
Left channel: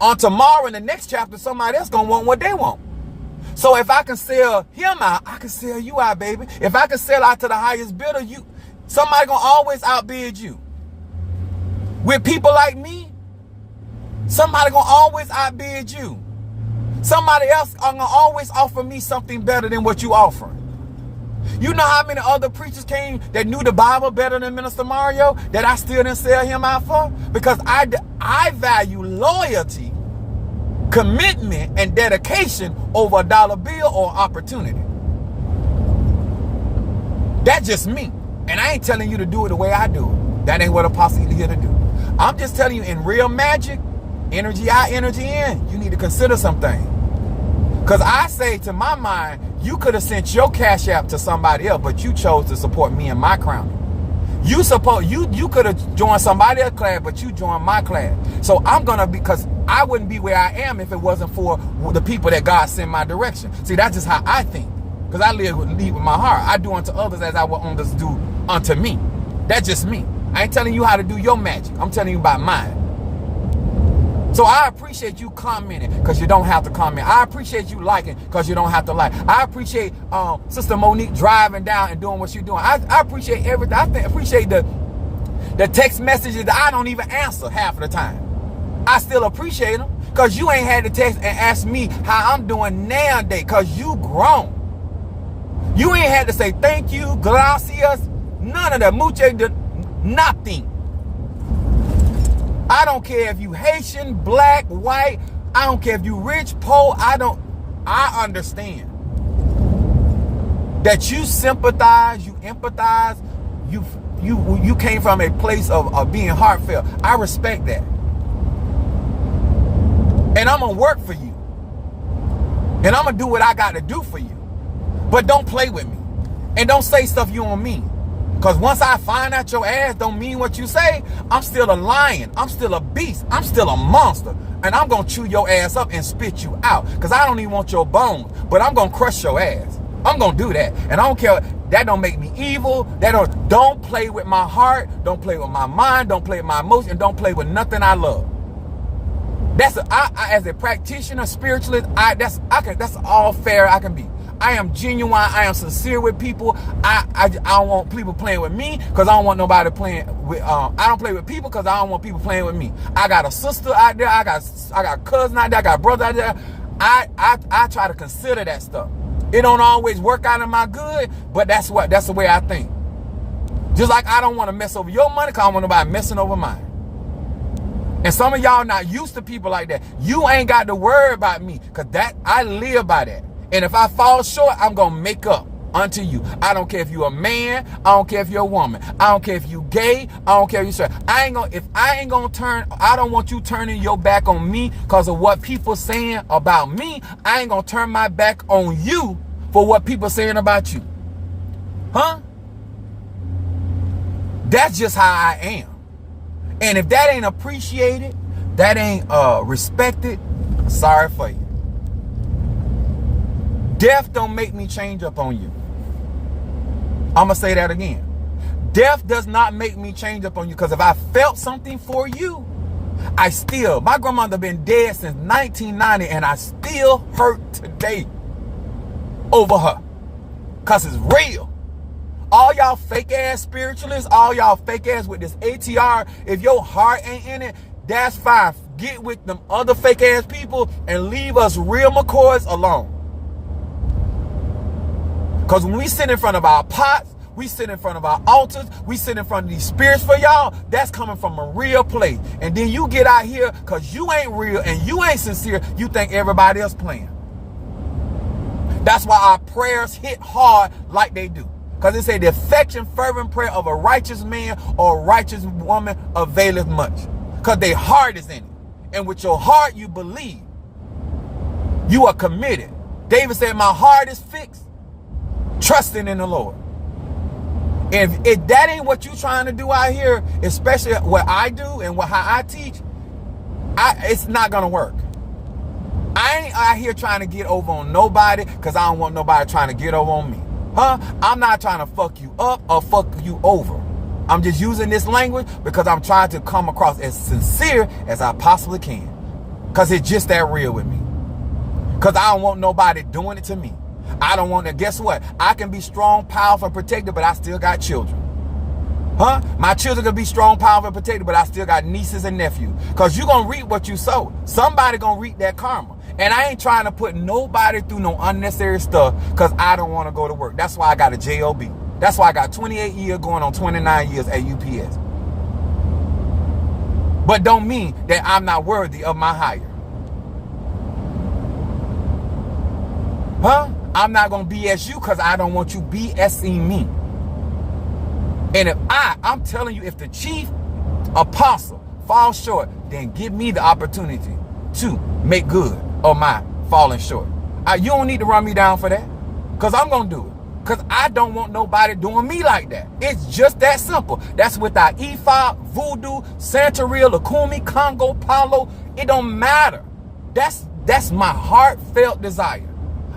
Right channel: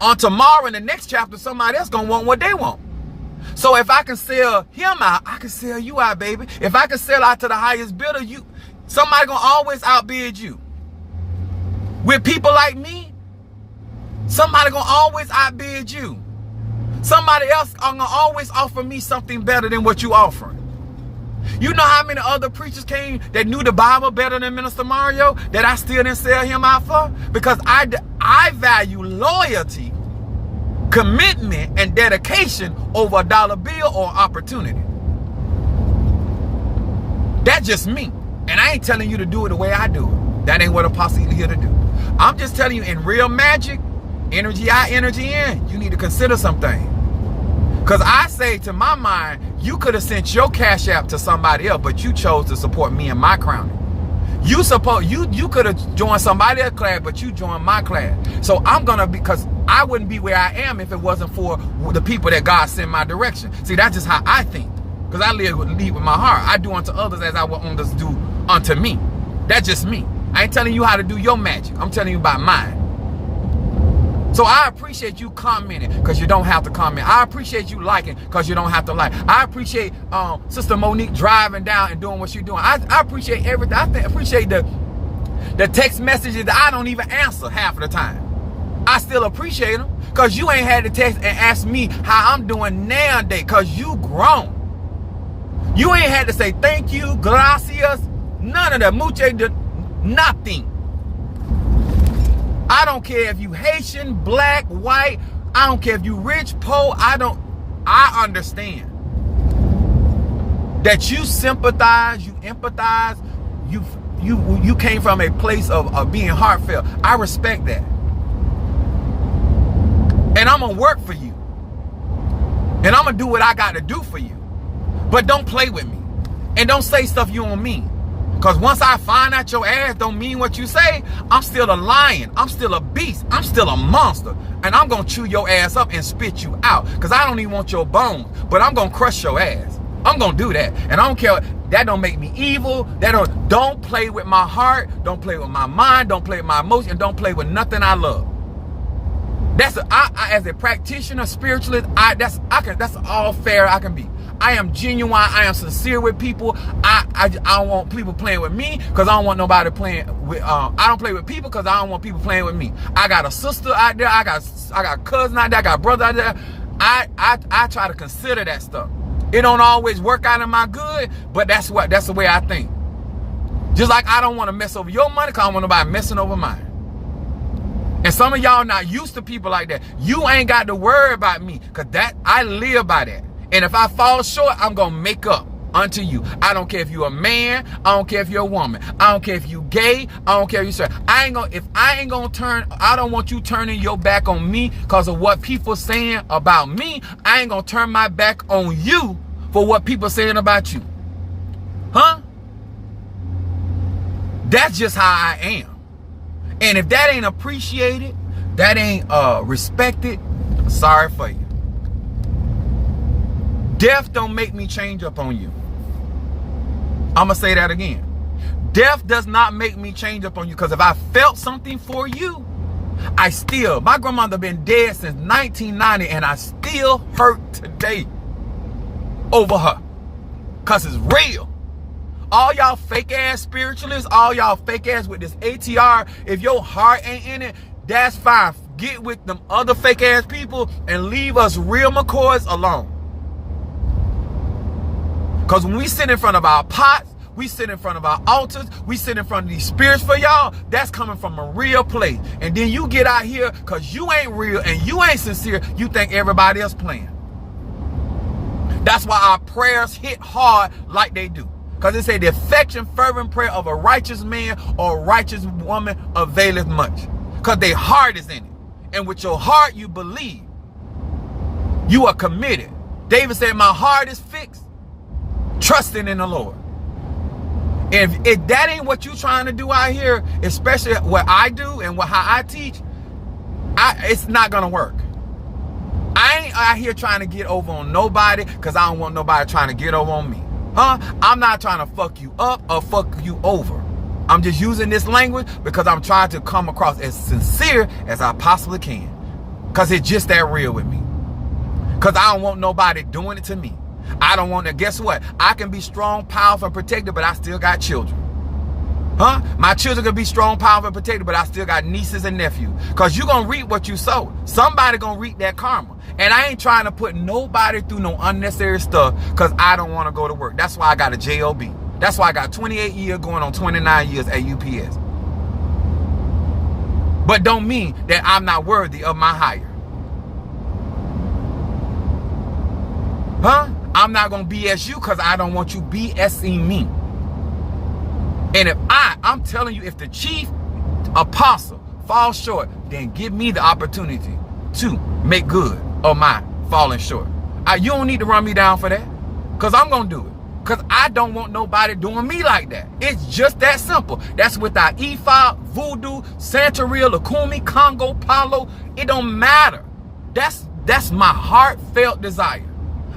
on tomorrow in the next chapter, somebody else going to want what they want. So if I can sell him out, I can sell you out, baby. If I can sell out to the highest bidder, somebody going to always outbid you. With people like me, somebody going to always outbid you. Somebody else are going to always offer me something better than what you offering. You know how many other preachers came that knew the Bible better than Minister Mario that I still didn't sell him out for? Because I value loyalty, commitment, and dedication over a dollar bill or opportunity. That's just me. And I ain't telling you to do it the way I do it. That ain't what Apostle here to do. I'm just telling you, in real magic, energy out, energy in, you need to consider something. Because I say, to my mind, you could have sent your Cash App to somebody else, but you chose to support me in my crowning. You could have joined somebody else's class, but you joined my class. So I'm going to, because I wouldn't be where I am if it wasn't for the people that God sent my direction. See, that's just how I think. Because I lead with my heart. I do unto others as I will others do unto me. That's just me. I ain't telling you how to do your magic. I'm telling you about mine. So I appreciate you commenting because you don't have to comment. I appreciate you liking because you don't have to like. I appreciate Sister Monique driving down and doing what she's doing. I appreciate everything. I appreciate the text messages that I don't even answer half of the time. I still appreciate them because you ain't had to text and ask me how I'm doing nowadays because you grown. You ain't had to say thank you, gracias, none of that. Muche, nothing. I don't care if you Haitian, black, white. I don't care if you rich, poor. I understand that you sympathize, you empathize, you came from a place of being heartfelt. I respect that. And I'm gonna work for you. And I'm gonna do what I gotta do for you. But don't play with me. And don't say stuff you don't mean. Because once I find out your ass don't mean what you say, I'm still a lion. I'm still a beast. I'm still a monster. And I'm going to chew your ass up and spit you out. Because I don't even want your bones. But I'm going to crush your ass. I'm going to do that. And I don't care. That don't make me evil. Don't play with my heart. Don't play with my mind. Don't play with my emotion. Don't play with nothing I love. As a practitioner, spiritualist, that's all fair I can be. I am genuine. I am sincere with people. I don't want people playing with me because I don't want nobody playing with. I don't play with people because I don't want people playing with me. I got a sister out there. I got cousin out there. I got brother out there. I try to consider that stuff. It don't always work out in my good, but that's the way I think. Just like I don't want to mess over your money because I don't want nobody messing over mine. And some of y'all not used to people like that. You ain't got to worry about me because I live by that. And if I fall short, I'm going to make up unto you. I don't care if you're a man. I don't care if you're a woman. I don't care if you're gay. I don't care if you're straight. I don't want you turning your back on me because of what people saying about me. I ain't going to turn my back on you for what people saying about you. Huh? That's just how I am. And if that ain't appreciated, that ain't respected, sorry for you. Death don't make me change up on you. I'm going to say that again. Death does not make me change up on you because if I felt something for you, my grandmother been dead since 1990 and I still hurt today over her because it's real. All y'all fake ass spiritualists, all y'all fake ass with this ATR, if your heart ain't in it, that's fine. Get with them other fake ass people and leave us real McCoys alone. Because when we sit in front of our pots, we sit in front of our altars, we sit in front of these spirits for y'all, that's coming from a real place. And then you get out here because you ain't real and you ain't sincere, you think everybody else playing. That's why our prayers hit hard like they do. Because it say the effectual fervent prayer of a righteous man or a righteous woman availeth much. Because their heart is in it. And with your heart you believe. You are committed. David said, my heart is fixed, trusting in the Lord. If that ain't what you trying to do out here, especially what I do and how I teach, it's not gonna work. I ain't out here trying to get over on nobody because I don't want nobody trying to get over on me. I'm not trying to fuck you up or fuck you over. I'm just using this language because I'm trying to come across as sincere as I possibly can. Because it's just that real with me. Because I don't want nobody doing it to me. I don't want to, guess what? I can be strong, powerful, and protected, but I still got children. My children can be strong, powerful, and protected, but I still got nieces and nephews. Because you're going to reap what you sow. Somebody going to reap that karma. And I ain't trying to put nobody through no unnecessary stuff because I don't want to go to work. That's why I got a JOB. That's why I got 28 years going on 29 years at UPS. But don't mean that I'm not worthy of my hire. I'm not going to BS you because I don't want you BSing me. And if I'm telling you, if the chief apostle falls short, then give me the opportunity to make good of my falling short. You don't need to run me down for that because I'm going to do it. Because I don't want nobody doing me like that. It's just that simple. That's without Ifa, Voodoo, Santeria, Lukumi, Congo, Palo. It don't matter. That's my heartfelt desire.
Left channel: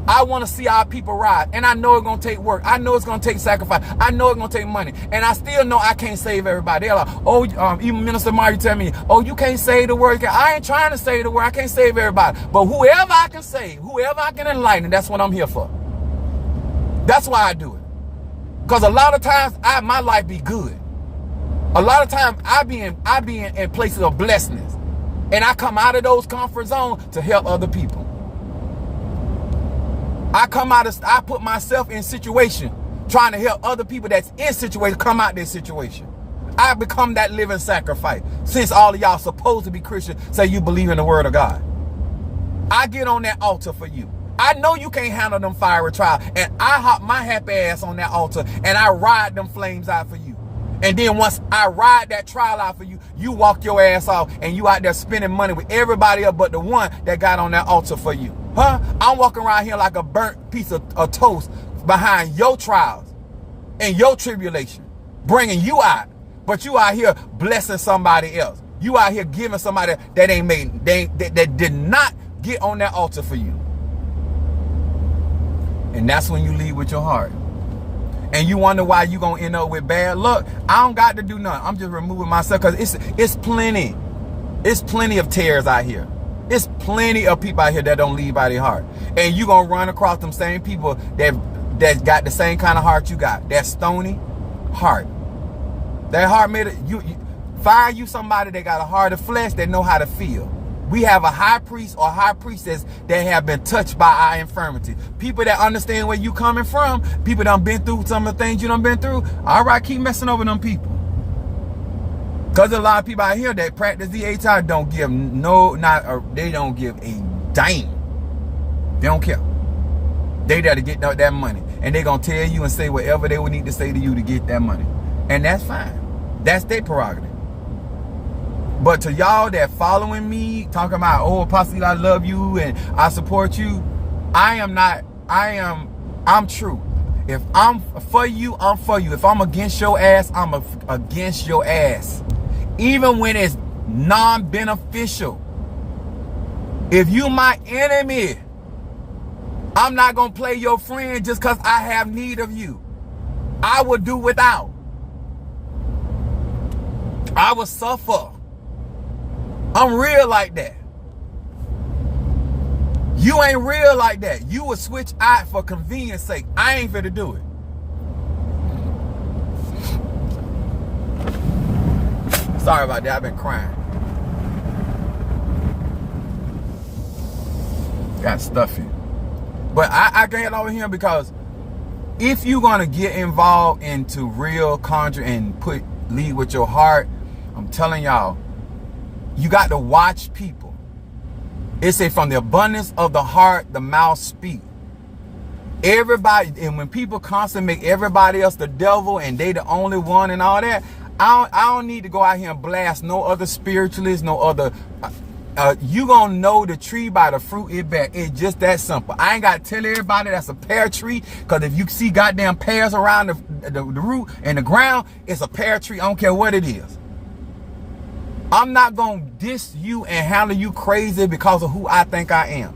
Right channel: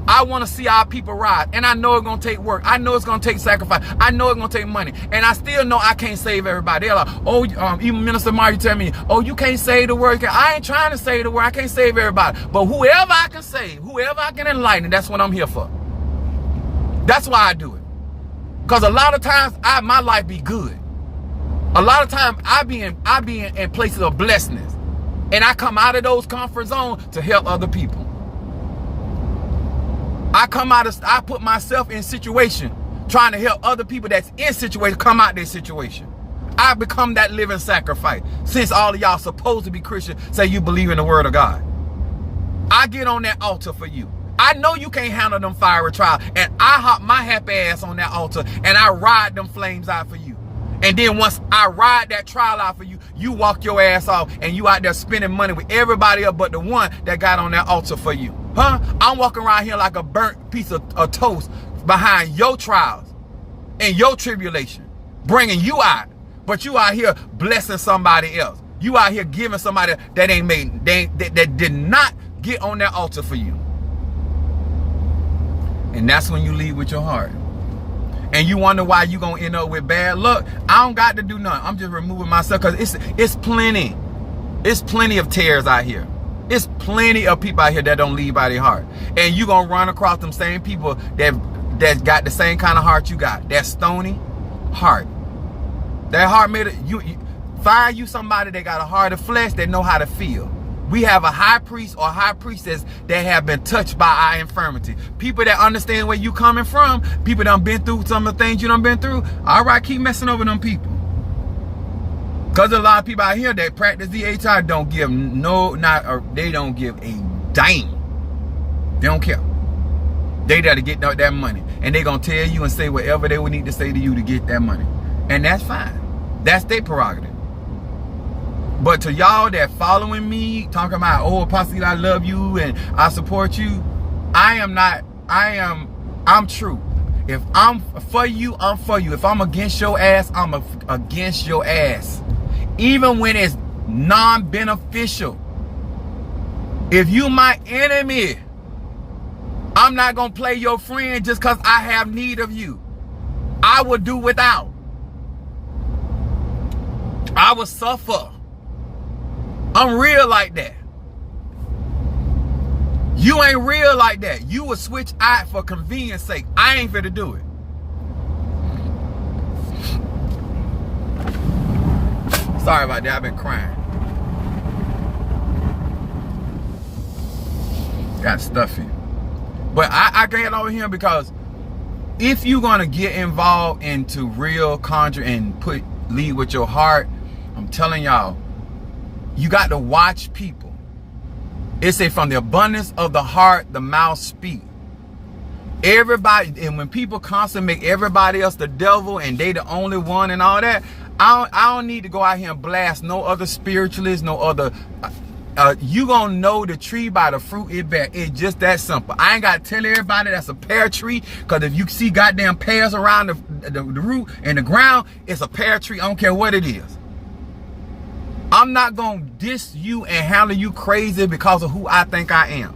I want to see our people rise. And I know it's going to take work. I know it's going to take sacrifice. I know it's going to take money. And I still know I can't save everybody. They're like, oh, even Minister Mario tell me, oh, you can't save the word. I ain't trying to save the word. I can't save everybody. But whoever I can save, whoever I can enlighten, that's what I'm here for. That's why I do it. Because a lot of times my life be good. A lot of times I be in places of blessedness. And I come out of those comfort zones to help other people. I put myself in situation trying to help other people that's in situation come out their situation. I become that living sacrifice. Since all of y'all supposed to be Christian, say you believe in the word of God. I get on that altar for you. I know you can't handle them fiery trials, and I hop my happy ass on that altar and I ride them flames out for you. And then once I ride that trial out for you, you walk your ass off and you out there spending money with everybody else but the one that got on that altar for you. I'm walking around here like a burnt piece of toast behind your trials and your tribulation, bringing you out. But you out here blessing somebody else. You out here giving somebody that did not get on that altar for you. And that's when you leave with your heart. And you wonder why you gonna end up with bad luck. I don't got to do nothing. I'm just removing myself because it's plenty. It's plenty of tares out here. It's plenty of people out here that don't leave by their heart. And you gonna run across them same people that got the same kind of heart you got. That stony heart. That heart made it. You find you somebody that got a heart of flesh that know how to feel. We have a high priest or high priestess that have been touched by our infirmity. People that understand where you coming from. People that done been through some of the things you done been through. All right, keep messing over them people. Because a lot of people out here that practice DHI don't give they don't give a dime. They don't care. They there to get that money. And they gonna tell you and say whatever they would need to say to you to get that money. And that's fine. That's their prerogative. But to y'all that following me, talking about, oh, Apostle, I love you and I support you. I'm true. If I'm for you, I'm for you. If I'm against your ass, I'm against your ass. Even when it's non-beneficial. If you my enemy, I'm not going to play your friend just because I have need of you. I will do without. I will suffer. I'm real like that. You ain't real like that. You will switch out for convenience sake. I ain't finna do it. Sorry about that. I've been crying. Got stuffy. But I get over here because if you're gonna get involved into real conjure and lead with your heart, I'm telling y'all, you got to watch people. It say from the abundance of the heart, the mouth speak. Everybody, and when people constantly make everybody else the devil and they the only one and all that, I don't need to go out here and blast no other spiritualists, no other. You gonna know the tree by the fruit it bear. It's just that simple. I ain't gotta tell everybody that's a pear tree, because if you see goddamn pears around the root and the ground, it's a pear tree. I don't care what it is. I'm not gonna diss you and handle you crazy because of who I think I am.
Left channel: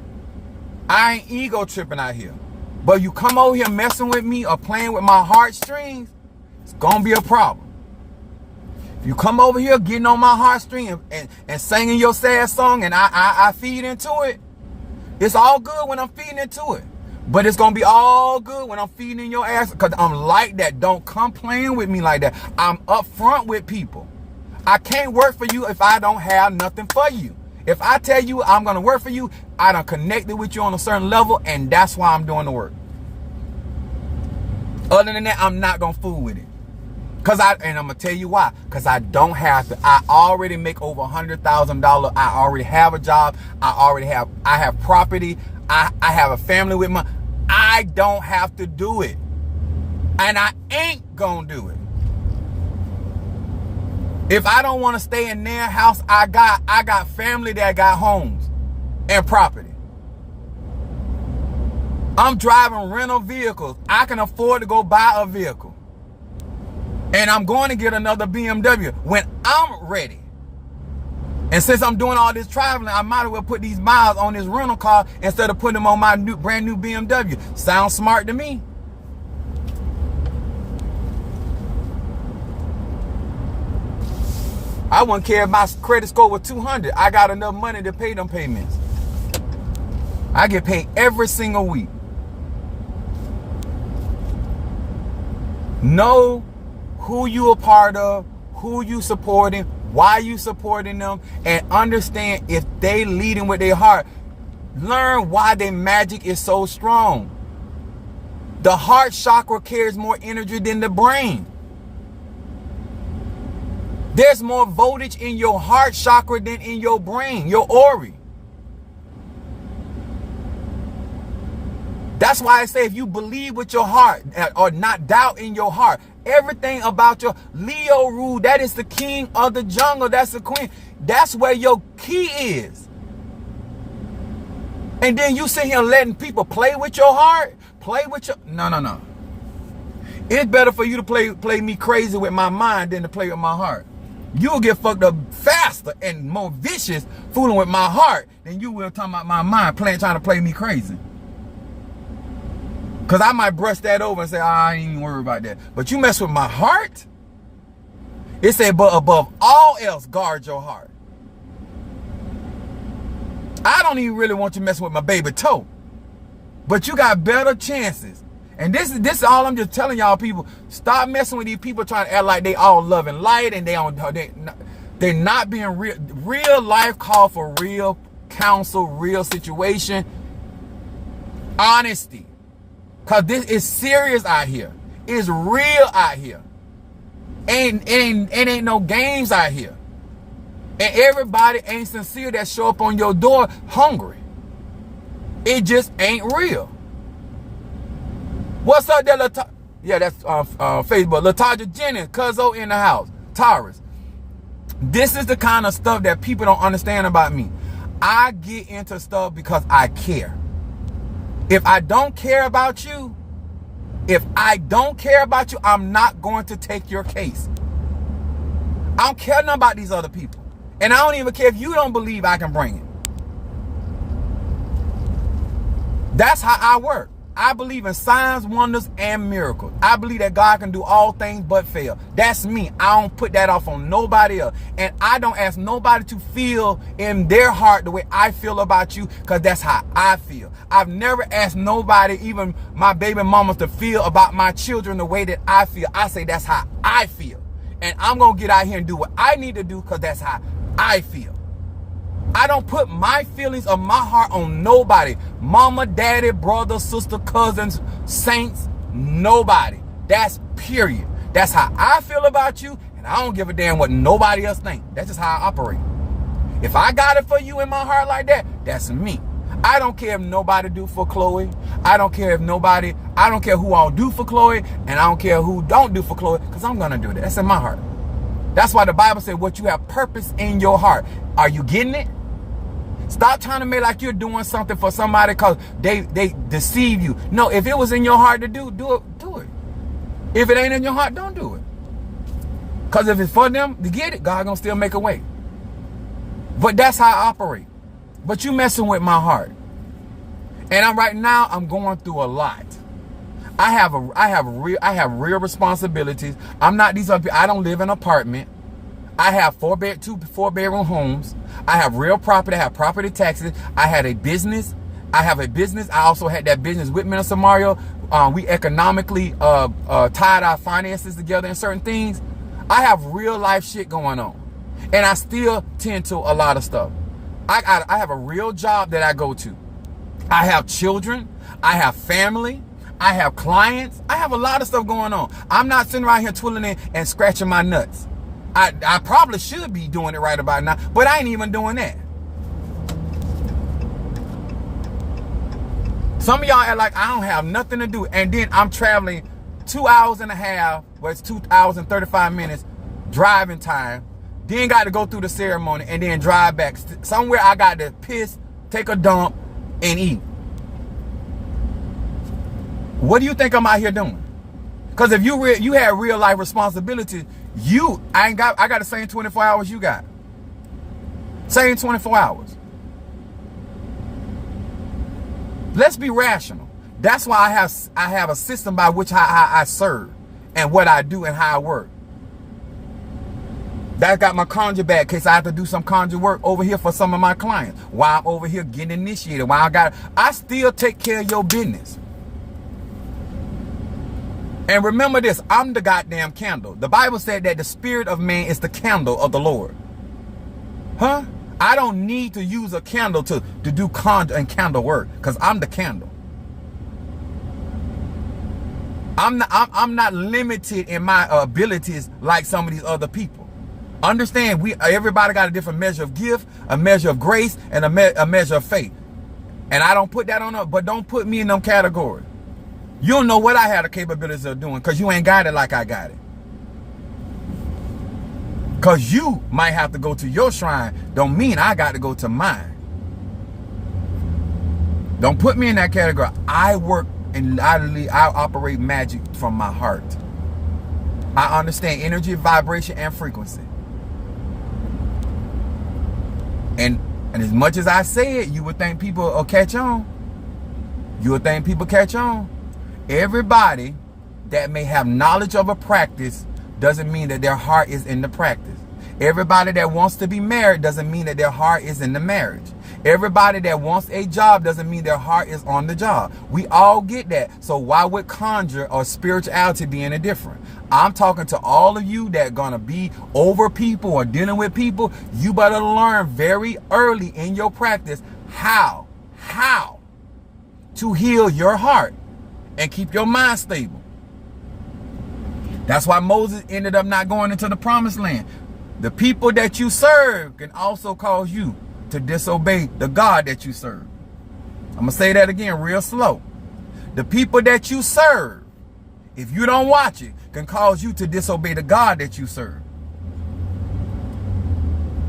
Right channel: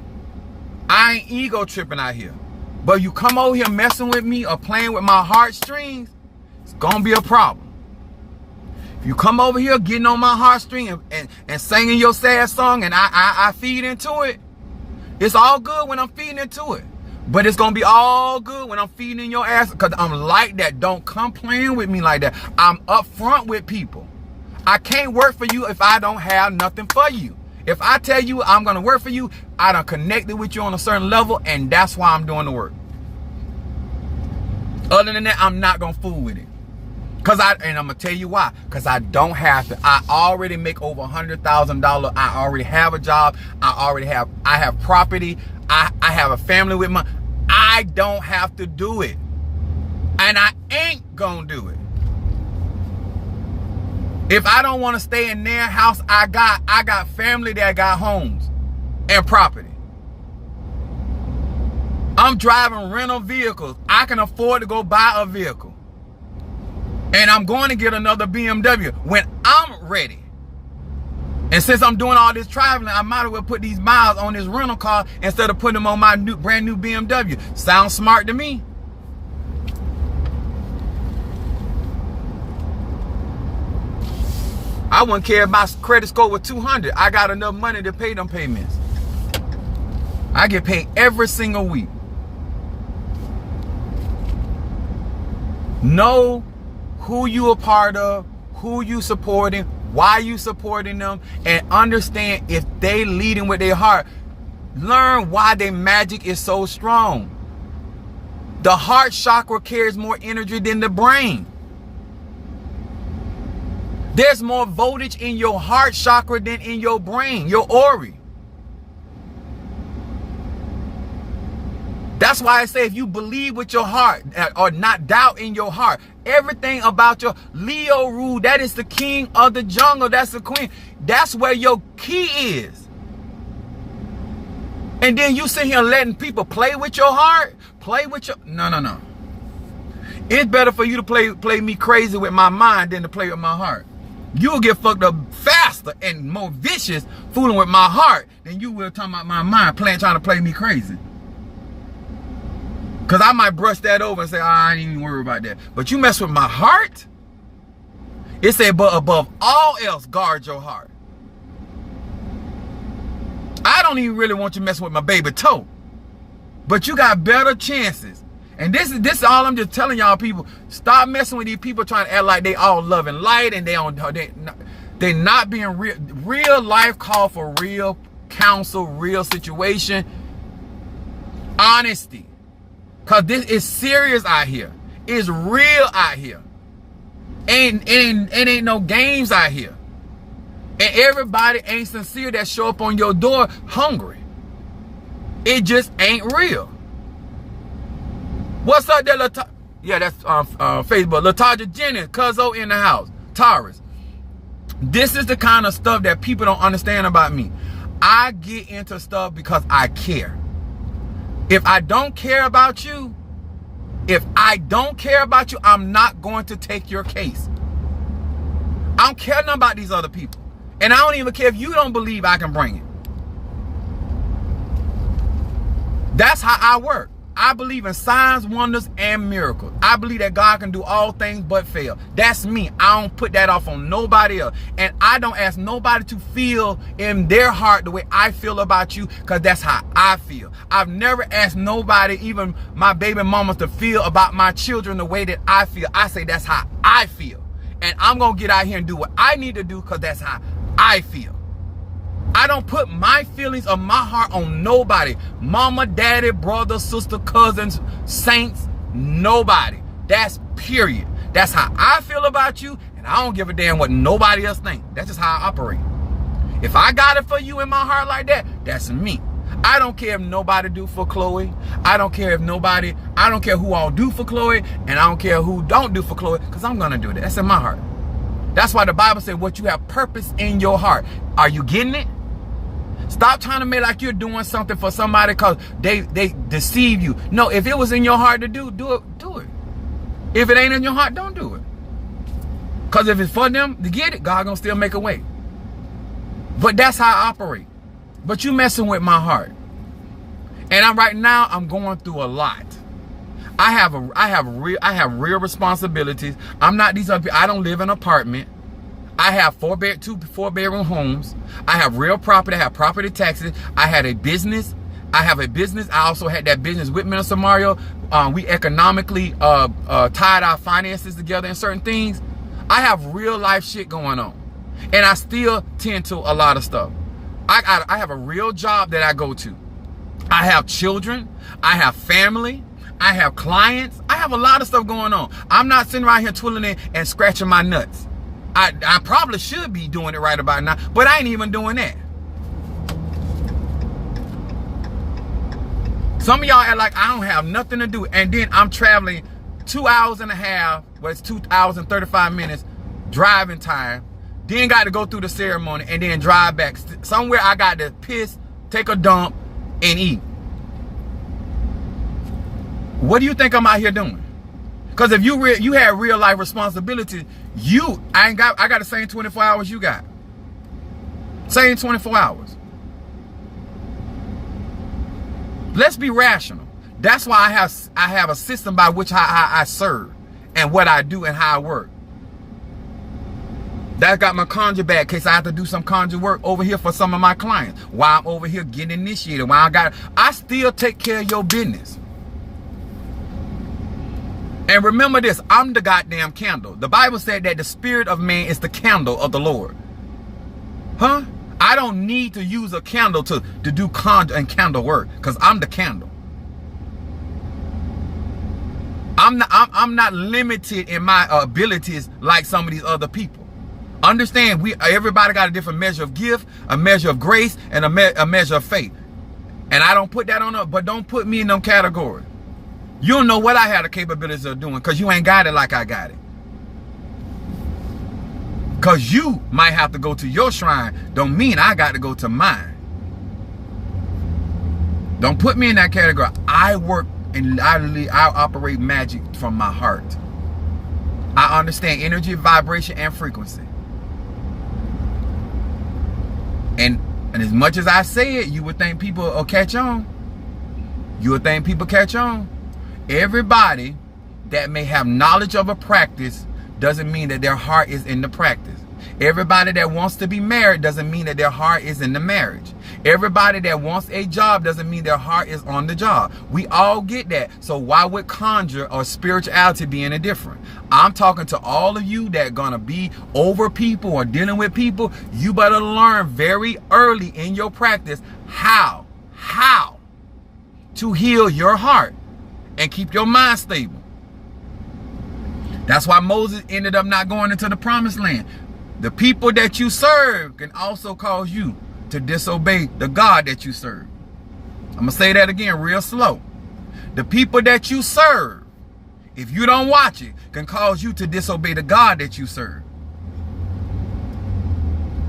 I ain't ego tripping out here. But you come over here messing with me or playing with my heartstrings, it's gonna be a problem. If you come over here getting on my heartstring and singing your sad song and I feed into it, it's all good when I'm feeding into it. But it's gonna be all good when I'm feeding in your ass, because I'm like that. Don't come playing with me like that. I'm upfront with people. I can't work for you if I don't have nothing for you. If I tell you I'm gonna work for you, I done connected with you on a certain level, and that's why I'm doing the work. Other than that, I'm not gonna fool with it. And I'm gonna tell you why. Because I don't have to. I already make over $100,000. I already have a job. I have property. I have a family with my. I don't have to do it. And I ain't gonna do it. If I don't want to stay in their house, I got family that got homes and property. I'm driving rental vehicles. I can afford to go buy a vehicle. And I'm going to get another BMW when I'm ready. And since I'm doing all this traveling, I might as well put these miles on this rental car instead of putting them on my brand new BMW. Sounds smart to me. I wouldn't care if my credit score was 200. I got enough money to pay them payments. I get paid every single week. Know who you a part of, who you supporting, why you supporting them, and understand if they leading with their heart. Learn why their magic is so strong. The heart chakra carries more energy than the brain. There's more voltage in your heart chakra than in your brain, your aura. That's why I say if you believe with your heart or not doubt in your heart, everything about your Leo rule, that is the king of the jungle. That's the queen. That's where your key is. And then you sit here letting people play with your heart, play with your... No. It's better for you to play me crazy with my mind than to play with my heart. You'll get fucked up faster and more vicious fooling with my heart than you will talking about my mind trying to play me crazy. Because I might brush that over and say, I ain't even worry about that. But you mess with my heart, it said, but above all else, guard your heart. I don't even really want you messing with my baby toe. But you got better chances. And this is all I'm just telling y'all people. Stop messing with these people trying to act like they all love and light and they're not being real. Real life call for real counsel, real situation. Honesty. Because this is serious out here. It's real out here. And ain't no games out here. And everybody ain't sincere that show up on your door hungry. It just ain't real. What's up there, yeah, that's Facebook. Latasha Jennings, Cuzzo in the house. Taurus. This is the kind of stuff that people don't understand about me. I get into stuff because I care. If I don't care about you, I'm not going to take your case. I don't care nothing about these other people. And I don't even care if you don't believe I can bring it. That's how I work. I believe in signs, wonders, and miracles. I believe that God can do all things but fail. That's me. I don't put that off on nobody else. And I don't ask nobody to feel in their heart the way I feel about you, because that's how I feel. I've never asked nobody, even my baby mamas, to feel about my children the way that I feel. I say that's how I feel. And I'm going to get out here and do what I need to do because that's how I feel. I don't put my feelings of my heart on nobody. Mama, daddy, brother, sister, cousins, saints, nobody. That's period. That's how I feel about you, and I don't give a damn what nobody else thinks. That's just how I operate. If I got it for you in my heart like that, that's me. I don't care if nobody do for Chloe. I don't care who all do for Chloe, and I don't care who don't do for Chloe, because I'm going to do that. That's in my heart. That's why the Bible said what you have purpose in your heart. Are you getting it? Stop trying to make like you're doing something for somebody because they deceive you. No, if it was in your heart to do it. If it ain't in your heart, don't do it. Because if it's for them to get it, God gonna still make a way. But that's how I operate. But you messing with my heart. And right now I'm going through a lot. I have real responsibilities. I'm not these other people. I don't live in an apartment. I have 4-bedroom homes. I have real property. I have property taxes. I had a business. I have a business. I also had that business with Minister Mario. We economically tied our finances together in certain things. I have real life shit going on. And I still tend to a lot of stuff. I have a real job that I go to. I have children. I have family. I have clients. I have a lot of stuff going on. I'm not sitting around here twiddling and scratching my nuts. I probably should be doing it right about now, but I ain't even doing that. Some of y'all act like I don't have nothing to do, and then I'm traveling 2 hours and a half, well, it's 2 hours and 35 minutes driving time, then got to go through the ceremony and then drive back. Somewhere I got to piss, take a dump, and eat. What do you think I'm out here doing? Because if you had real life responsibilities, I got the same 24 hours you got. Same 24 hours. Let's be rational. That's why I have a system by which I serve and what I do and how I work. That got my conjure bag in case I have to do some conjure work over here for some of my clients. While I'm over here getting initiated, I still take care of your business. And remember this, I'm the goddamn candle. The Bible said that the spirit of man is the candle of the Lord. Huh? I don't need to use a candle to do conjure and candle work because I'm the candle. I'm not limited in my abilities like some of these other people. Understand, everybody got a different measure of gift, a measure of grace, and a measure of faith. And I don't put that on up, but don't put me in them categories. You don't know what I had the capabilities of doing because you ain't got it like I got it. Because you might have to go to your shrine don't mean I got to go to mine. Don't put me in that category. I work and I operate magic from my heart. I understand energy, vibration, and frequency. And as much as I say it, you would think people will catch on. You would think people catch on. Everybody that may have knowledge of a practice doesn't mean that their heart is in the practice. Everybody that wants to be married doesn't mean that their heart is in the marriage. Everybody that wants a job doesn't mean their heart is on the job. We all get that. So why would conjure or spirituality be any different? I'm talking to all of you that gonna be over people or dealing with people. You better learn very early in your practice how to heal your heart and keep your mind stable. That's why Moses ended up not going into the promised land. The people that you serve can also cause you to disobey the God that you serve. I'm going to say that again real slow. The people that you serve, if you don't watch it, can cause you to disobey the God that you serve.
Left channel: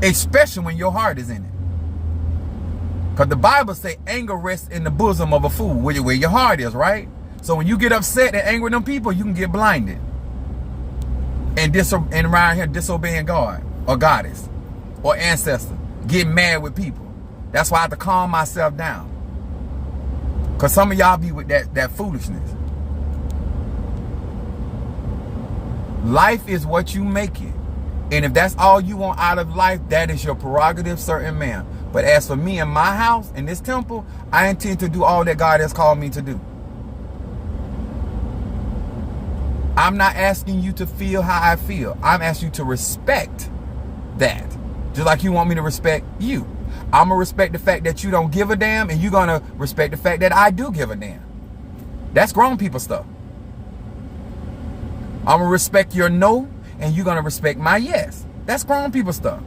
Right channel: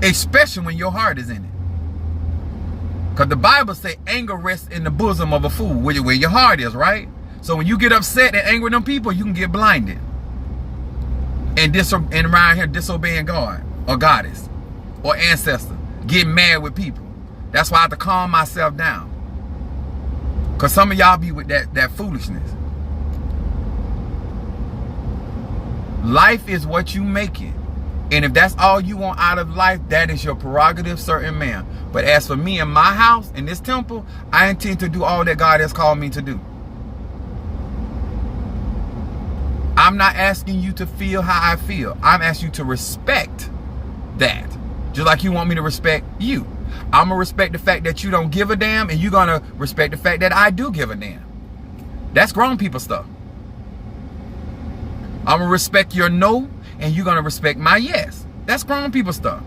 Especially when your heart is in it. Because the Bible says anger rests in the bosom of a fool, where your heart is, right? So when you get upset and angry with them people, you can get blinded. And around here disobeying God or goddess or ancestor. Getting mad with people. That's why I have to calm myself down. Because some of y'all be with that foolishness. Life is what you make it. And if that's all you want out of life, that is your prerogative, certain man. But as for me and my house, in this temple, I intend to do all that God has called me to do. I'm not asking you to feel how I feel. I'm asking you to respect that. Just like you want me to respect you. I'm going to respect the fact that you don't give a damn, and you're going to respect the fact that I do give a damn. That's grown people stuff. I'm going to respect your no, and you're going to respect my yes. That's grown people stuff.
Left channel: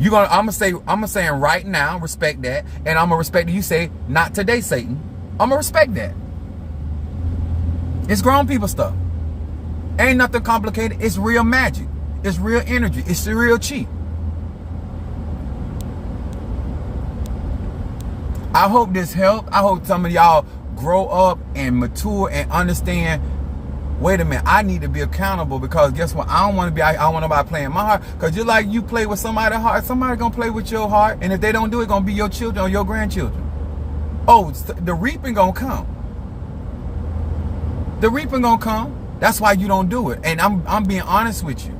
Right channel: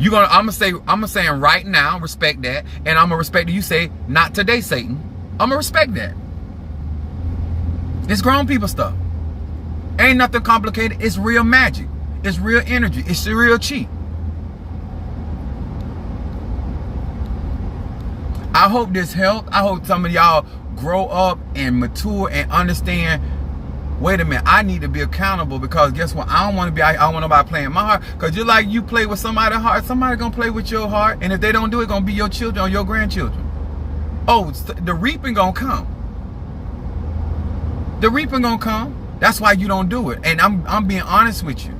I'm saying right now, respect that, and I'm going to respect that you say, not today, Satan. I'm going to respect that. It's grown people stuff. Ain't nothing complicated. It's real magic. It's real energy. It's real cheap. I hope this helped. I hope some of y'all grow up and mature and understand, wait a minute, I need to be accountable, because guess what? I don't want to be, I don't want nobody playing my heart, because just like you play with somebody's heart, somebody gonna play with your heart, and if they don't do it, gonna be your children or your grandchildren. Oh, the reaping gonna come. The reaping gonna come. That's why you don't do it. And I'm being honest with you.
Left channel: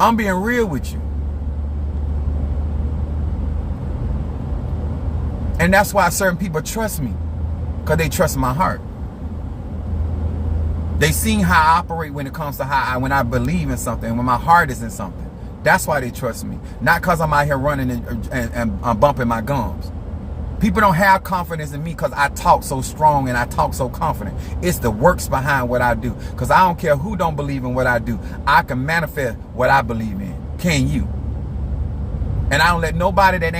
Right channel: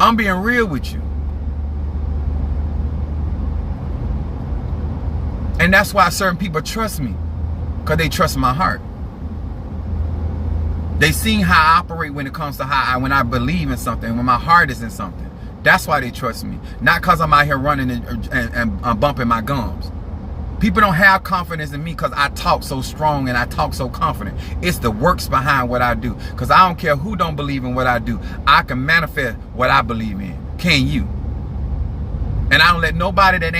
I'm being real with you. And that's why certain people trust me, because they trust my heart. They seen how I operate when it comes to when I believe in something, when my heart is in something. That's why they trust me. Not because I'm out here running and bumping my gums. People don't have confidence in me because I talk so strong and I talk so confident. It's the works behind what I do. Because I don't care who don't believe in what I do. I can manifest what I believe in. Can you? And I don't let nobody that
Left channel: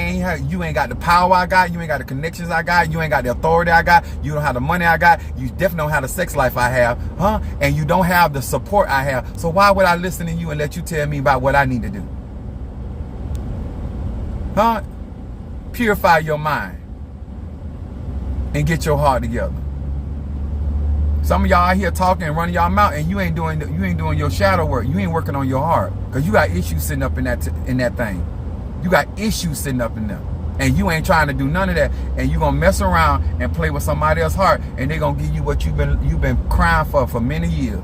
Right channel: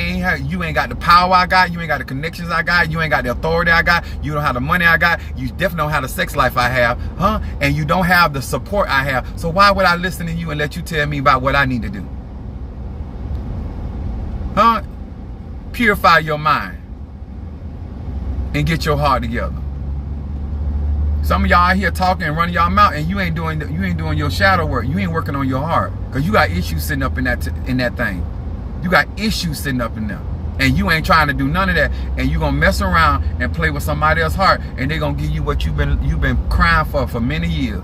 you ain't got the power I got, you ain't got the connections I got, you ain't got the authority I got, you don't have the money I got, you definitely don't have the sex life I have, huh? And you don't have the support I have. So why would I listen to you and let you tell me about what I need to do? Huh? Purify your mind and get your heart together. Some of y'all out here talking and running y'all mouth, and you ain't doing your shadow work. You ain't working on your heart, because you got issues sitting up in that thing. You got issues sitting up in them, and you ain't trying to do none of that, and you gonna mess around and play with somebody else's heart, and they gonna give you what you've been crying for many years.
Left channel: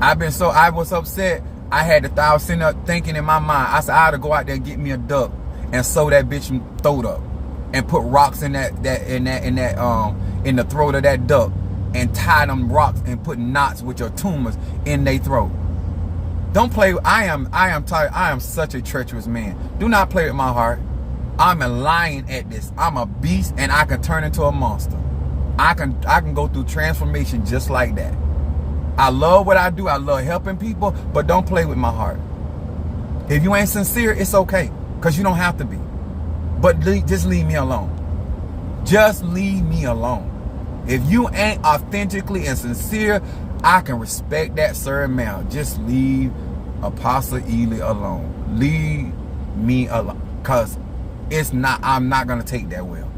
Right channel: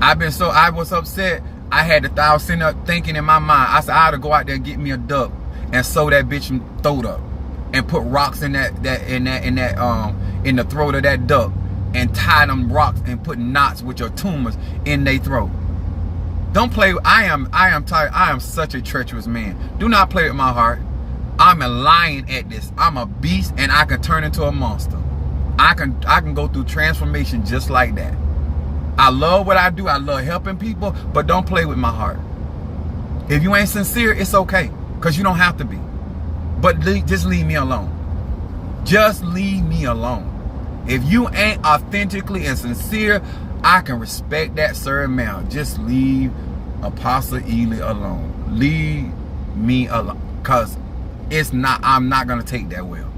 I was upset. I had the thought sitting up thinking in my mind. I said I ought to go out there and get me a duck and sew that bitch throat up, and put rocks in the throat of that duck, and tie them rocks and put knots with your tumors in their throat. Don't play. I am tired. I am such a treacherous man. Do not play with my heart. I'm a lion at this. I'm a beast, and I can turn into a monster. I can go through transformation just like that. I love what I do. I love helping people, but don't play with my heart. If you ain't sincere, it's okay, because you don't have to be. But just leave me alone. Just leave me alone. If you ain't authentically and sincere, I can respect that, sir and ma'am. Just leave Apostle Ely alone. Leave me alone, because I'm not gonna take that well.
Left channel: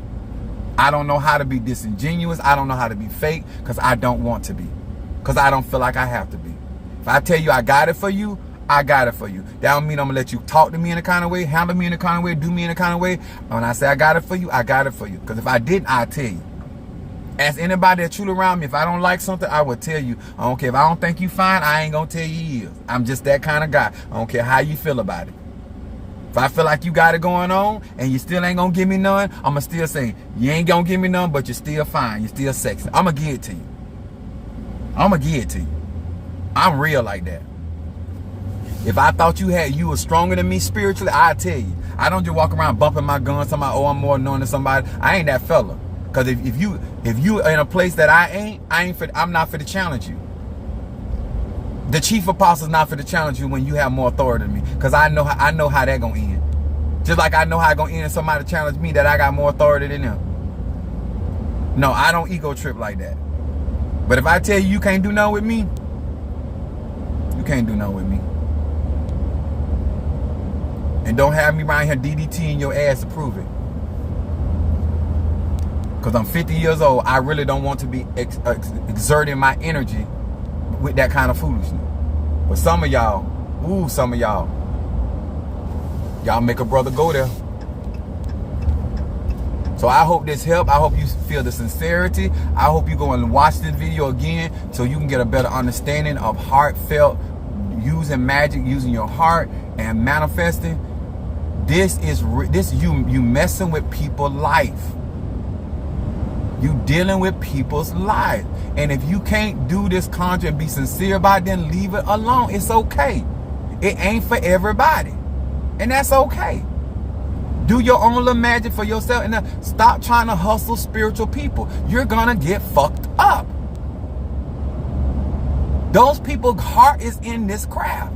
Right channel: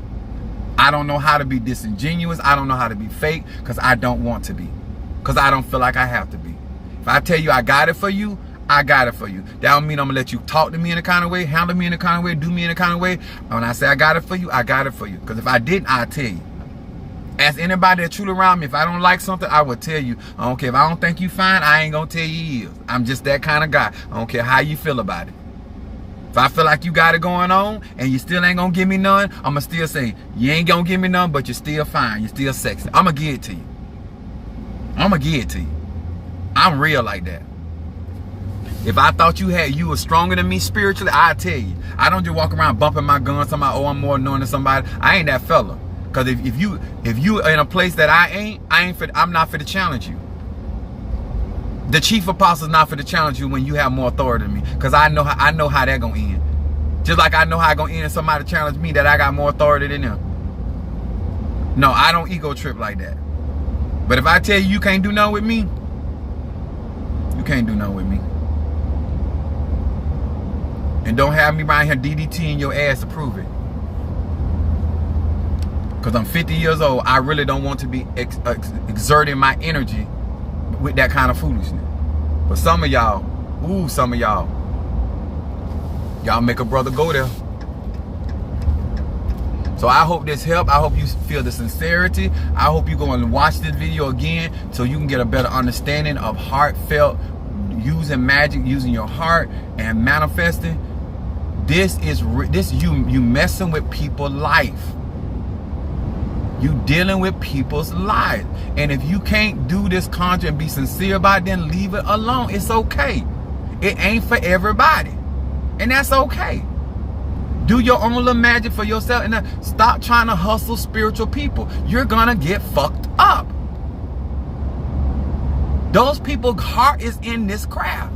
I don't know how to be disingenuous. I don't know how to be fake, because I don't want to be, because I don't feel like I have to be. If I tell you I got it for you, I got it for you. That don't mean I'm gonna let you talk to me in a kind of way, handle me in a kind of way, do me in a kind of way. When I say I got it for you, I got it for you. Because if I didn't, I'd tell you. Ask anybody that's truly around me. If I don't like something, I will tell you. I don't care if I don't think you fine, I ain't gonna tell you he is. I'm just that kind of guy. I don't care how you feel about it. If I feel like you got it going on and you still ain't gonna give me none, I'm gonna still say, you ain't gonna give me none, but you're still fine. You're still sexy. I'm gonna give it to you. I'm gonna give it to you. I'm real like that. If I thought you were stronger than me spiritually, I'd tell you. I don't just walk around bumping my guns, somebody, oh, I'm more known than somebody. I ain't that fella. Because if you in a place that I'm not for to challenge you. The chief apostle's not for to challenge you when you have more authority than me. Because I know how that gonna end. Just like I know how it gonna end if somebody challenge me that I got more authority than them. No, I don't ego trip like that. But if I tell you can't do nothing with me, you can't do nothing with me. And don't have me around here DDTing your ass to prove it. Because I'm 50 years old, I really don't want to be exerting my energy with that kind of foolishness. But some of y'all make a brother go there. So I hope this helped. I hope you feel the sincerity. I hope you go and watch this video again so you can get a better understanding of heartfelt, using magic, using your heart and manifesting. This you messing with people's life. You dealing with people's lives. And if you can't do this conjure and be sincere about it, then leave it alone. It's okay. It ain't for everybody. And that's okay. Do your own little magic for yourself, and stop trying to hustle spiritual people. You're gonna get fucked up. Those people's heart is in this craft.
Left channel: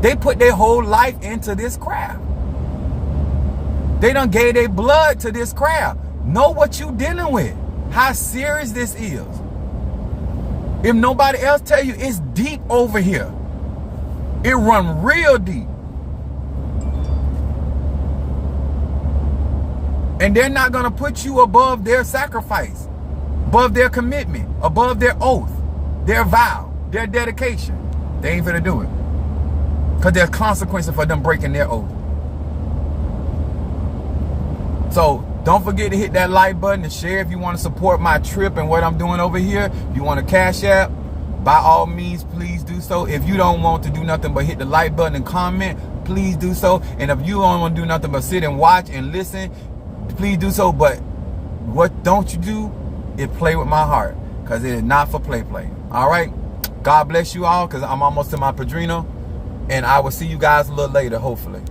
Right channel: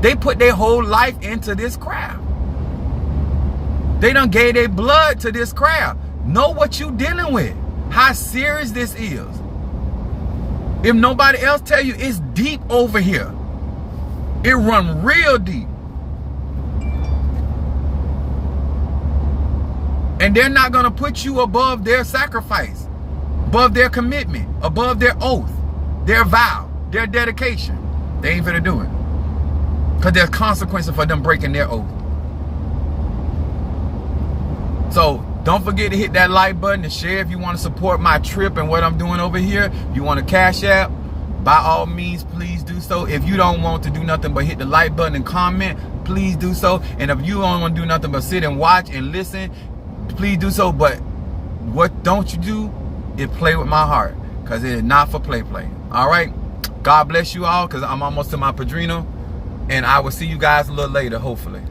They put their whole life into this craft. They done gave their blood to this craft. Know what you dealing with. How serious this is. If nobody else tell you, it's deep over here. It run real deep. And they're not going to put you above their sacrifice, above their commitment, above their oath, their vow, their dedication. They ain't finna do it. Because there's consequences for them breaking their oath. So don't forget to hit that like button and share if you want to support my trip and what I'm doing over here. If you want to Cash App, by all means, please do so. If you don't want to do nothing but hit the like button and comment, please do so. And if you don't want to do nothing but sit and watch and listen, please do so. But what don't you do is play with my heart, because it is not for play. All right? God bless you all, because I'm almost to my Padrino. And I will see you guys a little later, hopefully.